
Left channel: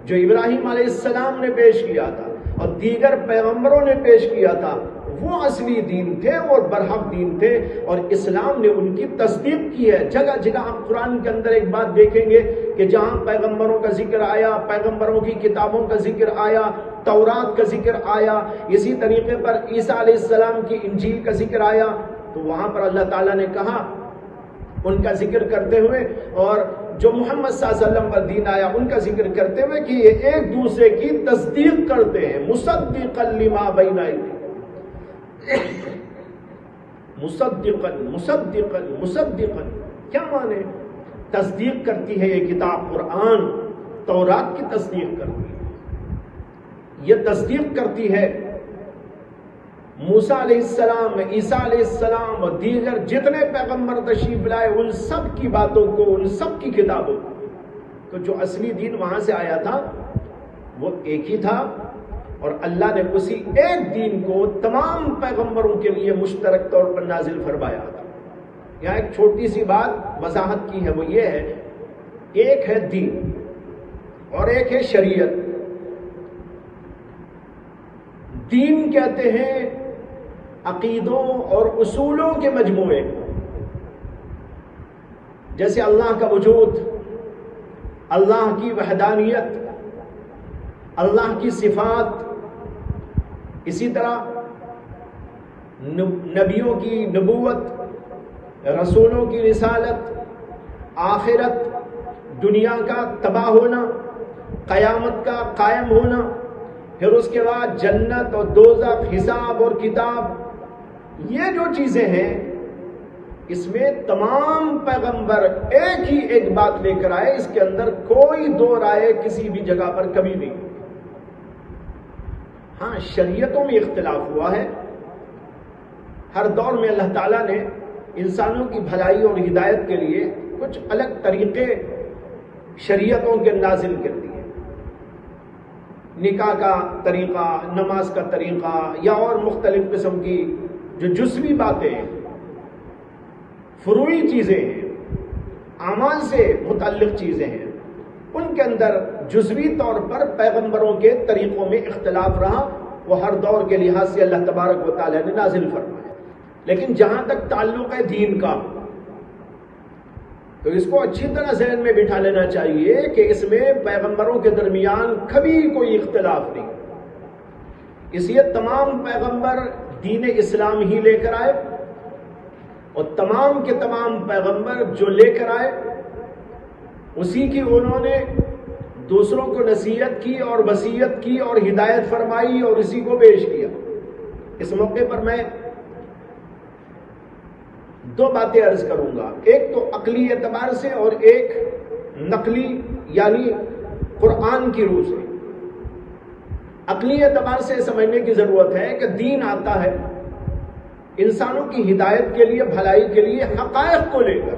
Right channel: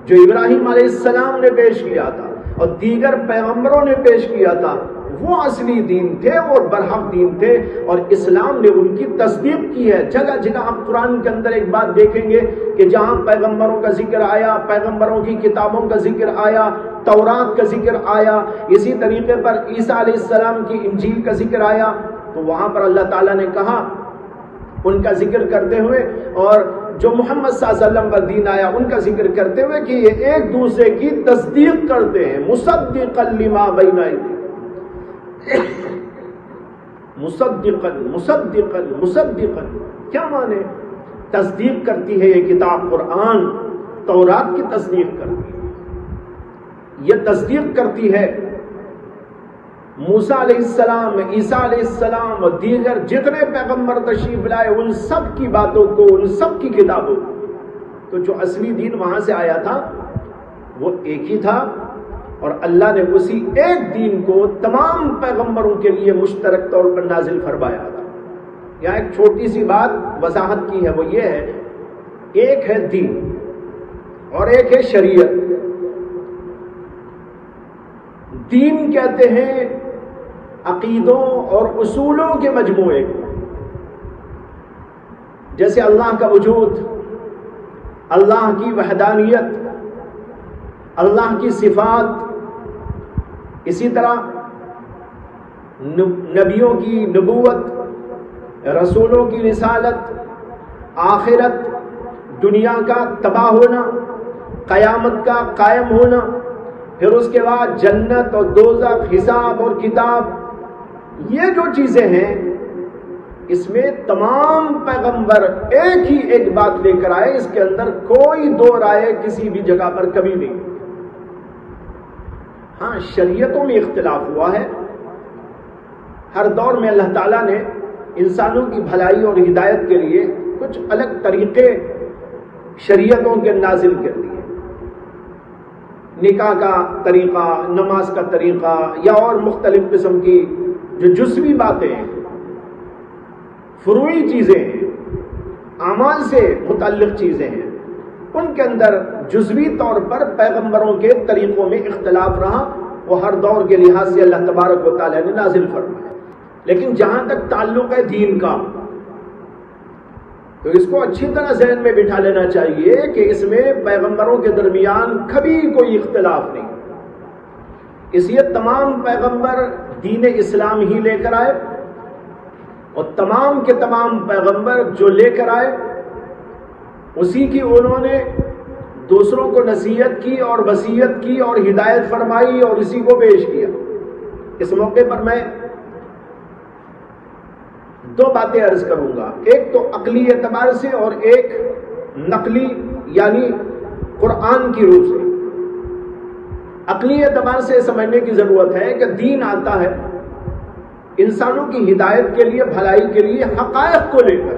جو ابراہیم علیہ السلام نے پیش کیا تھا اور دیگر پیغمبروں نے پیش کیا تھا، وہ اصلی دین تھے اور برحق دین تھے، اور اسلام نے ان کی تصدیق کی ہے۔ جگہ جگہ آپ قرآن کے اندر ایک بات دیکھیں گے کہ جہاں پیغمبروں کا ذکر آیا، پیغمبروں کی کتابوں کا ذکر آیا، تورات کا ذکر آیا، اسی طریقے پر عیسیٰ علیہ السلام کی انجیل کا ذکر آیا، تو وہاں پر اللہ تعالیٰ نے کہا ان کا ذکر کرتے ہوئے، اور جو محمد صلی اللہ علیہ وسلم پر دین آیا ان کا ذکر کرتے ہوئے کہ یہ ایک دوسرے کی تصدیق کرتے ہیں۔ مصدقا لما بین ایدیہم، مصدقا مصدقا مصدقا، کیا معنی؟ تصدیق کرتی ہے یہ کتاب قرآن، تورات کی تصدیق کرتی ہے، یہ تصدیق کرتی ہے موسیٰ علیہ السلام، عیسیٰ علیہ السلام اور دیگر جتنے پیغمبر تشریف لائے ان سب کی باتوں کو، ان سب کی کتابوں کو۔ تو جو اصلی دین وہاں سے آیا تھا وہ ایک ہی تھا، اور اللہ نے اسی ایک دین کو تمام پیغمبروں کے لیے مشترک طور پر نازل فرمایا تھا۔ یہاں ایک چھوٹی سی بات وضاحت کی ہے، وہ یہ ہے، ایک ہے دین اور ایک ہے شریعت۔ دین کہتے ہیں عقیدوں اور اصولوں کے مجموعے، جیسے اللہ کا وجود، اللہ کی وحدانیت، اللہ کی صفات، اسی طرح نبیوں کی نبوت، رسولوں کی رسالت، آخرت، دنیا کا تباہ ہونا، قیامت کا قائم ہونا، پھر اس کے بعد جنت اور دوزخ، حساب اور کتاب، یہ جو چیزیں ہیں اس میں تمام پیغمبر ایک ہی ایک بات لے کر آئے، اس کے اندر کوئی دو رائے کسی بھی جگہ پر کبھی نہیں۔ ہاں شریعتوں میں اختلاف ہوا ہے، ہر دور میں اللہ تعالیٰ نے انسانوں کی بھلائی اور ہدایت کے لیے کچھ الگ طریقے شریعتوں کے نازل کر دیے، نکاح کا طریقہ، نماز کا طریقہ، یا اور مختلف قسم کی جو جزوی باتیں ہیں، فروعی چیزیں ہیں، اعمال سے متعلق چیزیں ہیں، ان کے اندر جزوی طور پر پیغمبروں کے طریقوں میں اختلاف رہا، وہ ہر دور کے لحاظ سے اللہ تبارک و تعالیٰ نے نازل فرمایا۔ لیکن جہاں تک تعلق ہے دین کا، تو اس کو اچھی طرح ذہن میں بٹھا لینا چاہیے کہ اس میں پیغمبروں کے درمیان کبھی کوئی اختلاف نہیں، اس لیے تمام پیغمبر دین اسلام ہی لے کر آئے، اور تمام کے تمام پیغمبر جو لے کر آئے اسی کی انہوں نے دوسروں کو نصیحت کی اور وصیت کی اور ہدایت فرمائی اور اسی کو پیش کیا۔ اس موقع پر میں دو باتیں عرض کروں گا، ایک تو عقلی اعتبار سے اور ایک نقلی یعنی قرآن کی روح سے۔ عقلی اعتبار سے سمجھنے کی ضرورت ہے کہ دین آتا ہے انسانوں کی ہدایت کے لیے، بھلائی کے لیے، حقائق کو لے کر۔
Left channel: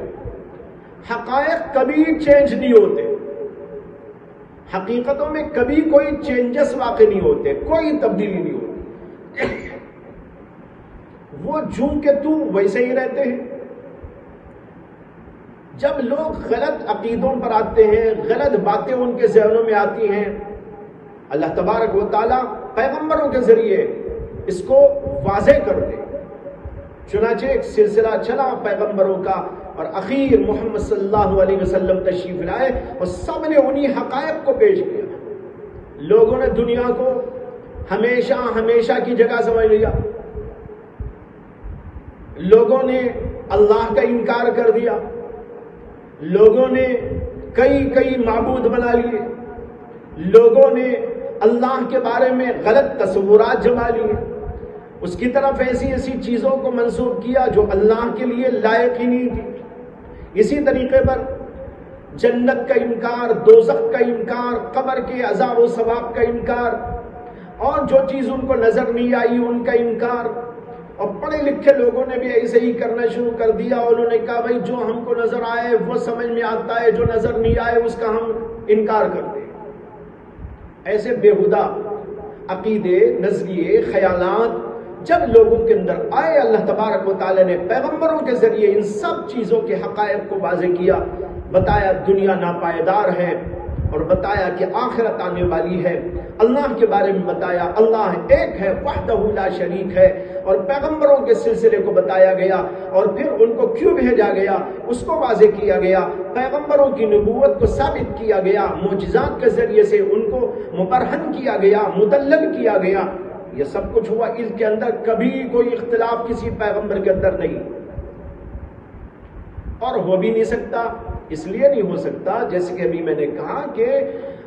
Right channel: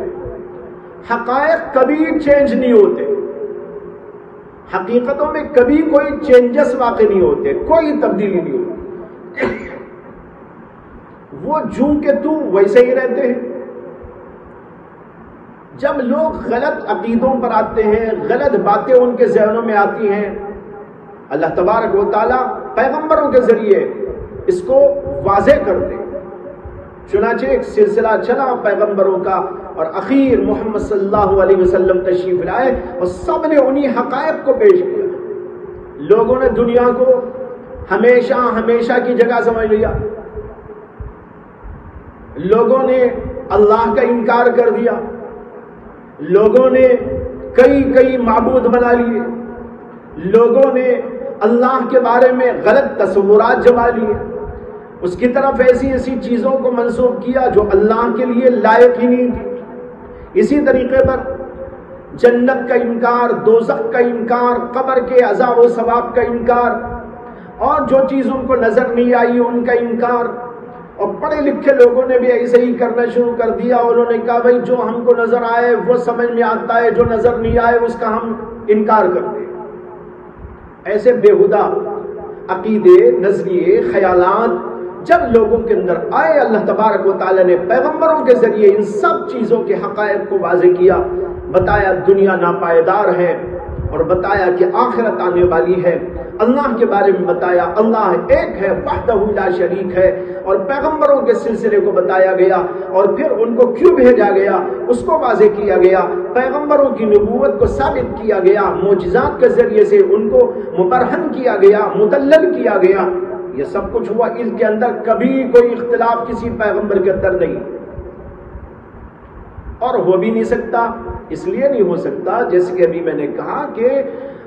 حقائق کبھی چینج نہیں ہوتے، حقیقتوں میں کبھی کوئی چینجز واقع نہیں ہوتے، کوئی تبدیلی نہیں ہوتی، وہ جوں کے توں ویسے ہی رہتے ہیں۔ جب لوگ غلط عقیدوں پر آتے ہیں، غلط باتیں ان کے ذہنوں میں آتی ہیں، اللہ تبارک و تعالیٰ پیغمبروں کے ذریعے اس کو واضح کر دے۔ چنانچہ ایک سلسلہ چلا پیغمبروں کا، اور اخیر محمد صلی اللہ علیہ وسلم تشریف لائے اور سب نے انہی حقائق کو پیش کیا۔ لوگوں نے دنیا کو ہمیشہ کی جگہ سمجھ لیا، لوگوں نے اللہ کا انکار کر دیا، لوگوں نے کئی معبود بنا لیے، لوگوں نے اللہ کے بارے میں غلط تصورات جما لیے، اس کی طرف ایسی چیزوں کو منسوب کیا جو اللہ کے لیے لائق ہی نہیں تھی۔ اسی طریقے پر جنت کا انکار، دوزخ کا انکار، قبر کے عذاب و ثواب کا انکار، اور جو چیز ان کو نظر نہیں آئی ان کا انکار، اور پڑھے لکھے لوگوں نے بھی ایسے ہی کرنا شروع کر دیا۔ انہوں نے کہا بھائی جو ہم کو نظر آئے وہ سمجھ میں آتا ہے، جو نظر نہیں آئے اس کا ہم انکار کرتے ہیں۔ ایسے بےہودہ عقیدے، نظریے، خیالات جب لوگوں کے اندر آئے، اللہ تبارک و تعالیٰ نے پیغمبروں کے ذریعے ان سب چیزوں کے حقائق کو واضح کیا، بتایا دنیا ناپائیدار ہے، اور بتایا کہ آخرت آنے والی ہے، اللہ کے بارے میں بتایا اللہ ایک ہے، وحدہ لا شریک ہے، اور پیغمبروں کے سلسلے کو بتایا گیا، اور پھر ان کو کیوں بھیجا گیا اس کو واضح کیا گیا، پیغمبروں کی نبوت کو ثابت کیا گیا، معجزات کے ذریعے سے ان کو مبرہن کیا گیا، مدلل کیا گیا۔ یہ سب کچھ ہوا، اس کے اندر کبھی کوئی اختلاف کسی پیغمبر کے اندر نہیں، اور ہو بھی نہیں سکتا۔ اس لیے نہیں ہو سکتا جیسے کہ ابھی میں نے کہا کہ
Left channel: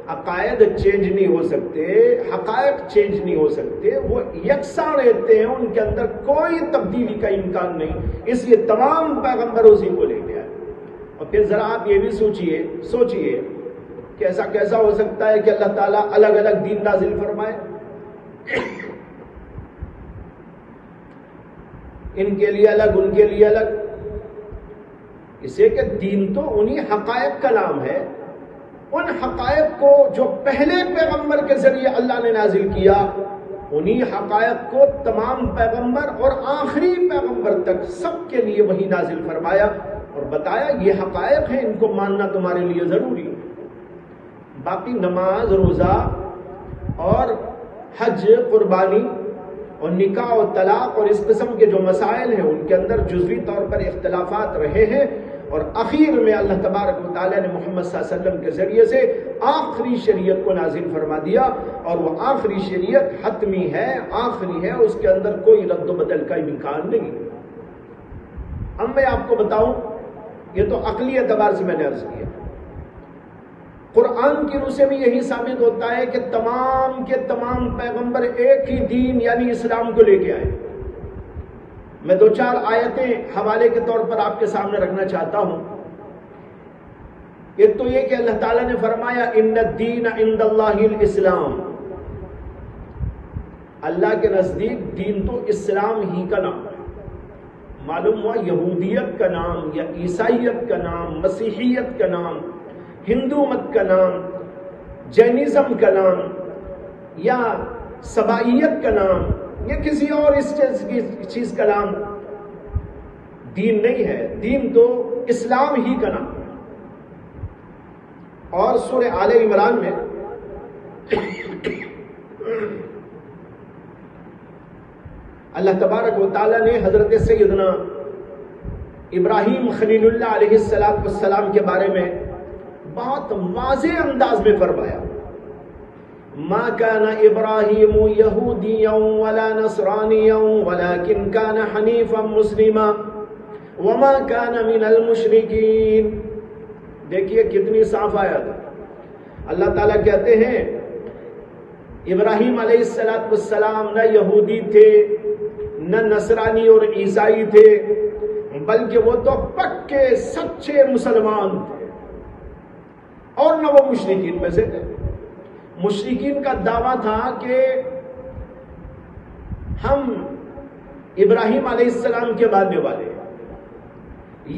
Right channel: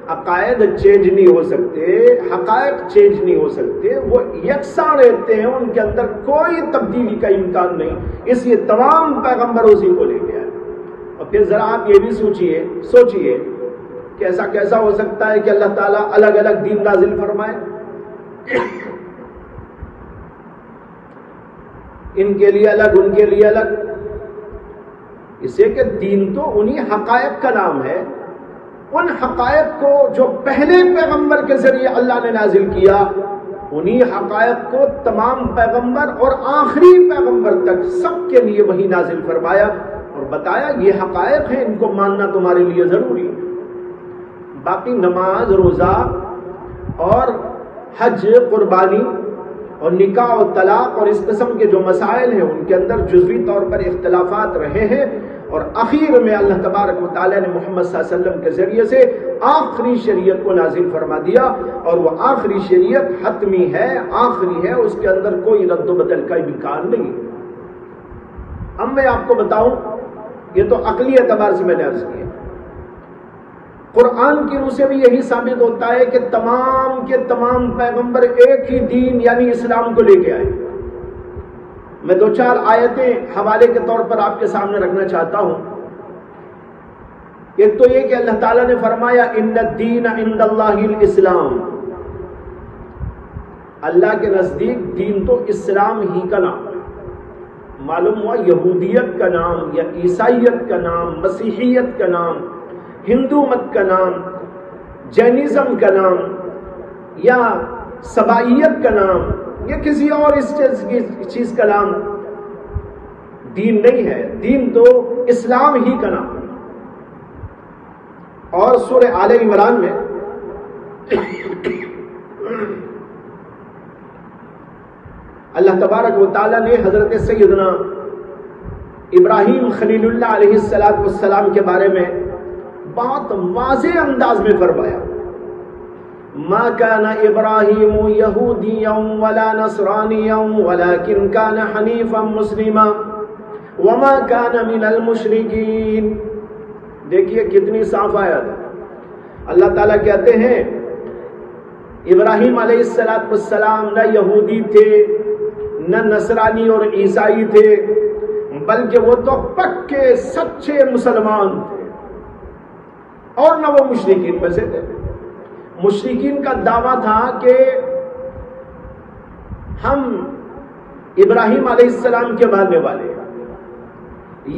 عقائد چینج نہیں ہو سکتے، حقائق چینج نہیں ہو سکتے، وہ یکساں رہتے ہیں، ان کے اندر کوئی تبدیلی کا امکان نہیں، اس لیے تمام پیغمبر اسی کو لے کے آئے۔ اور پھر ذرا آپ یہ بھی سوچئے کہ ایسا کیسا ہو سکتا ہے کہ اللہ تعالیٰ الگ الگ دین نازل فرمائے، ان کے لیے الگ ان کے لیے الگ؟ اسے کہ دین تو انہی حقائق کا نام ہے، ان حقائق کو جو پہلے پیغمبر کے ذریعے اللہ نے نازل کیا انہی حقائق کو تمام پیغمبر اور آخری پیغمبر تک سب کے لیے وہی نازل فرمایا اور بتایا یہ حقائق ہیں، ان کو ماننا تمہارے لیے ضروری ہے۔ باقی نماز، روزہ اور حج، قربانی اور نکاح و طلاق اور اس قسم کے جو مسائل ہیں ان کے اندر جزوی طور پر اختلافات رہے ہیں، اور اخیر میں اللہ تبارک و تعالیٰ نے محمد صلی اللہ علیہ وسلم کے ذریعے سے آخری شریعت کو نازل فرما دیا، اور وہ آخری شریعت حتمی ہے، آخری ہے، اس کے اندر کوئی رد و بدل کا امکان نہیں ہے۔ اب میں آپ کو بتاؤں، یہ تو عقلی اعتبار سے میں نے عرض کیا، قرآن کی روح سے بھی یہی ثابت ہوتا ہے کہ تمام کے تمام پیغمبر ایک ہی دین یعنی اسلام کو لے کے آئے۔ میں دو چار آیتیں حوالے کے طور پر آپ کے سامنے رکھنا چاہتا ہوں۔ ایک تو یہ کہ اللہ تعالیٰ نے فرمایا ان الدین عند اللہ الاسلام، اللہ کے نزدیک دین تو اسلام ہی کا نام ہے۔ معلوم ہوا یہودیت کا نام یا عیسائیت کا نام، مسیحیت کا نام، ہندو مت کا نام، جینزم کا نام یا سبائیت کا نام یا کسی اور اس چیز کا نام دین نہیں ہے، دین تو اسلام ہی کا نام ہے۔ اور سورہ آل عمران میں اللہ تبارک و تعالیٰ نے حضرت سیدنا ابراہیم خلیل اللہ علیہ السلام کے بارے میں بہت واضح انداز میں فرمایا، ما كان ابراہیم یہودیا ولا نصرانیا ولكن كان حنیفا مسلما وما كان من المشرکین۔ دیکھیے کتنی صاف آیت ہے۔ اللہ تعالیٰ کہتے ہیں ابراہیم علیہ السلام نہ یہودی تھے، نہ نصرانی اور عیسائی تھے، بلکہ وہ تو پکے سچے مسلمان تھے، اور نہ وہ مشرکین میں سے تھے۔ مشرکین کا دعویٰ تھا کہ ہم ابراہیم علیہ السلام کے ماننے والے ہیں،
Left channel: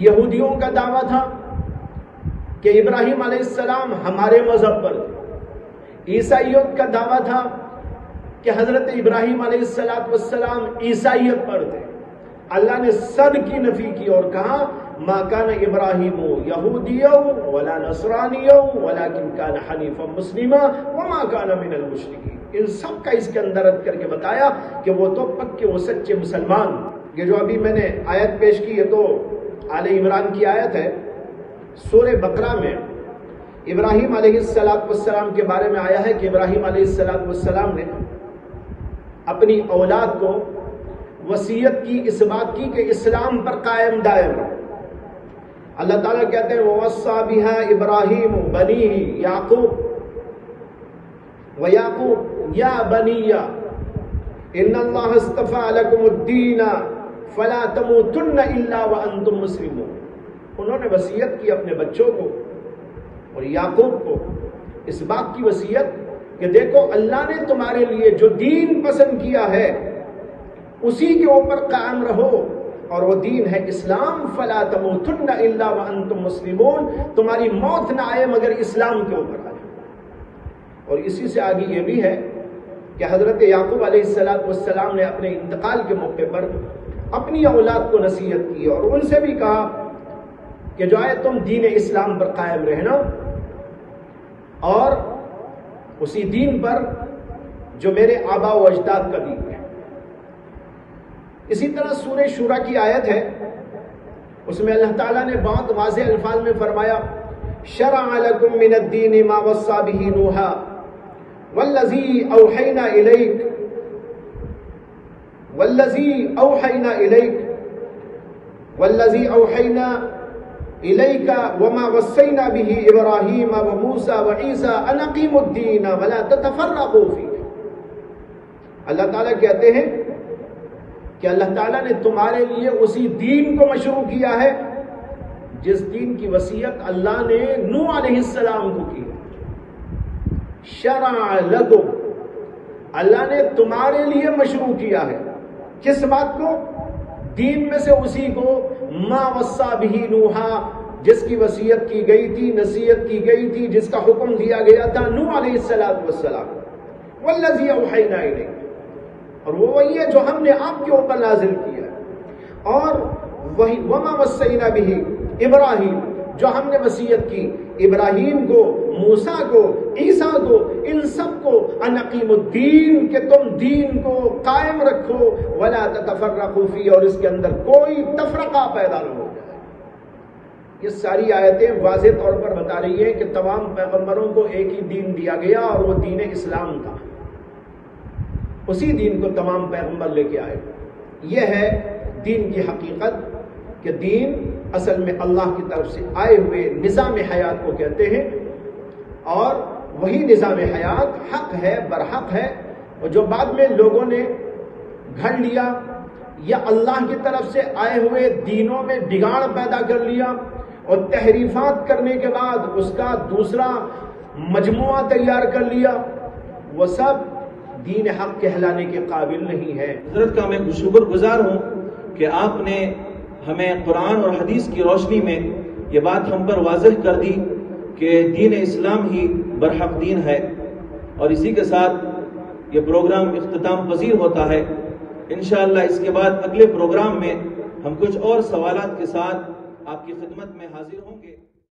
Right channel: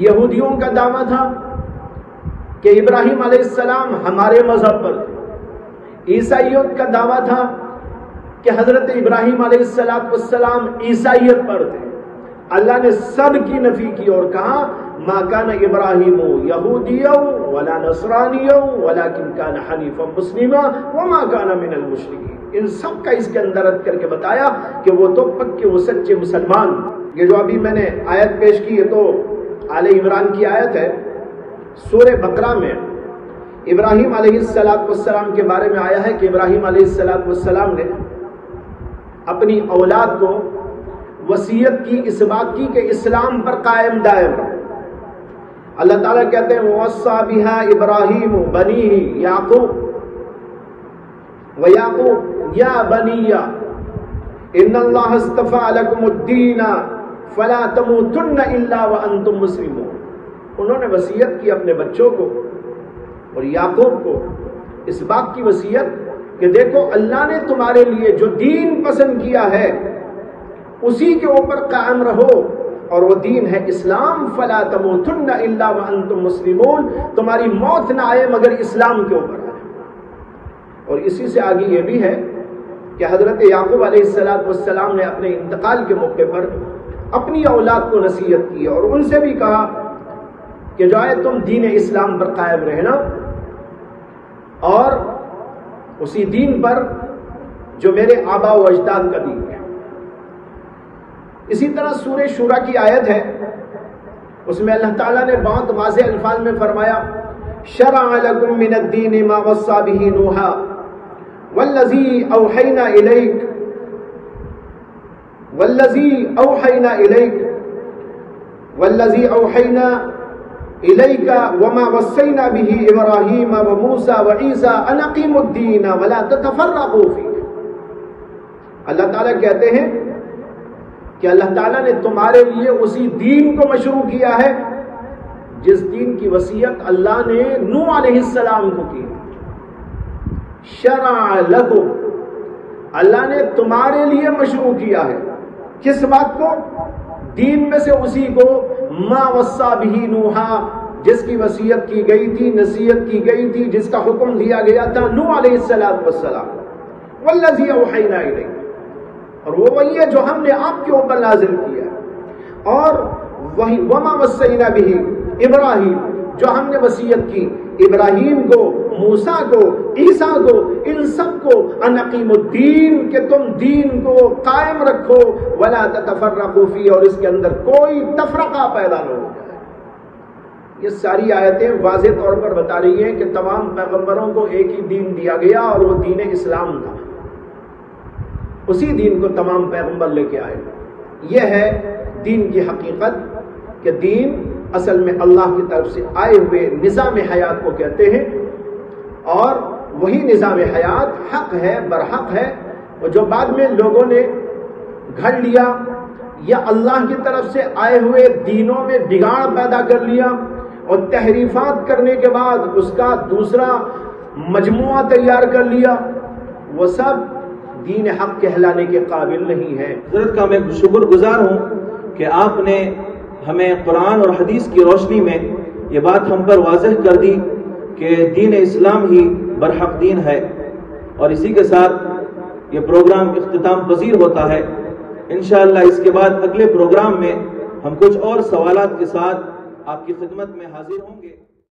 یہودیوں کا دعویٰ تھا کہ ابراہیم علیہ السلام ہمارے مذہب پر تھے، عیسائیت کا دعویٰ تھا کہ حضرت ابراہیم علیہ السلام عیسائیت پر تھے۔ اللہ نے سب کی نفی کی اور کہا ما کان ابراہیم یہودیا ولا نصرانیا ولکن کان حنیفا مسلما وما کان من المشرکین۔ ان سب کا اس کے اندر رد کر کے بتایا کہ وہ تو پکے وہ سچے مسلمان۔ یہ جو ابھی میں نے آیت پیش کی یہ تو آل عمران کی آیت ہے۔ سورہ بقرہ میں ابراہیم علیہ السلام کے بارے میں آیا ہے کہ ابراہیم علیہ السلام نے اپنی اولاد کو وصیت کی اس بات کی کہ اسلام پر قائم دائم رہو۔ اللہ تعالیٰ کہتے ہیں وَوَصَّى بِهَا إِبْرَاهِيمُ بَنِيهِ يَعْقُوبَ وَيَعْقُوبَ يَا بَنِيَّ إِنَّ اللَّهَ اصْطَفَىٰ لَكُمُ الدِّينَ فَلَا تَمُوتُنَّ إِلَّا وَأَنْتُمْ مُسْلِمُونَ۔ انہوں نے وصیت کی اپنے بچوں کو اور یعقوب کو اس بات کی وصیت کہ دیکھو اللہ نے تمہارے لیے جو دین پسند کیا ہے اسی کے اوپر قائم رہو، اور وہ دین ہے اسلام۔ فلا تموتن الا وانتم مسلمون، تمہاری موت نہ آئے مگر اسلام کے اوپر آئے۔ اور اسی سے آگے یہ بھی ہے کہ حضرت یعقوب علیہ السلام نے اپنے انتقال کے موقع پر اپنی اولاد کو نصیحت کی اور ان سے بھی کہا کہ جو ہے تم دین اسلام پر قائم رہنا اور اسی دین پر جو میرے آبا و اجداد کا دین ہے۔ اسی طرح سورہ شورا کی آیت ہے، اس میں اللہ تعالیٰ نے بہت واضح الفاظ میں فرمایا شرع لکم من الدین ما وصى به نوحا والذی اوحینا الیک وما وصینا به ابراہیم وموسیٰ وعیسیٰ ان اقیموا الدین ولا تتفرقوا فیہ۔ اللہ تعالیٰ کہتے ہیں کہ اللہ تعالیٰ نے تمہارے لیے اسی دین کو مشروع کیا ہے جس دین کی وصیت اللہ نے نوح علیہ السلام کو کی۔ شرع لکم، اللہ نے تمہارے لیے مشروع کیا ہے کس بات کو؟ دین میں سے اسی کو ما وصى به نوحا، جس کی وصیت کی گئی تھی، نصیحت کی گئی تھی، جس کا حکم دیا گیا تھا نوح علیہ السلام والذی اوحینا الیک، اور وہ وہی ہے جو ہم نے آپ کے اوپر نازل کیا ہے، اور وہی وما وصینا بہ ابراہیم، جو ہم نے وصیت کی ابراہیم کو، موسیٰ کو، عیسیٰ کو، ان سب کو، ان اقیموا الدین، کہ تم دین کو قائم رکھو، ولا تتفرقوا فیہ، اور اس کے اندر کوئی تفرقہ پیدا نہ ہو جائے۔ یہ ساری آیتیں واضح طور پر بتا رہی ہیں کہ تمام پیغمبروں کو ایک ہی دین دیا گیا اور وہ دین اسلام تھا، اسی دین کو تمام پیغمبر لے کے آئے۔ یہ ہے دین کی حقیقت کہ دین اصل میں اللہ کی طرف سے آئے ہوئے نظام حیات کو کہتے ہیں، اور وہی نظام حیات حق ہے، برحق ہے، اور جو بعد میں لوگوں نے گھڑ لیا یا اللہ کی طرف سے آئے ہوئے دینوں میں بگاڑ پیدا کر لیا اور تحریفات کرنے کے بعد اس کا دوسرا مجموعہ تیار کر لیا، وہ سب دین حق کہلانے کے قابل نہیں ہے۔ حضرت کا میں شکر گزار ہوں کہ آپ نے ہمیں قرآن اور حدیث کی روشنی میں یہ بات ہم پر واضح کر دی کہ دین اسلام ہی برحق دین ہے، اور اسی کے ساتھ یہ پروگرام اختتام پذیر ہوتا ہے۔ انشاءاللہ اس کے بعد اگلے پروگرام میں ہم کچھ اور سوالات کے ساتھ آپ کی خدمت میں حاضر ہوں گے۔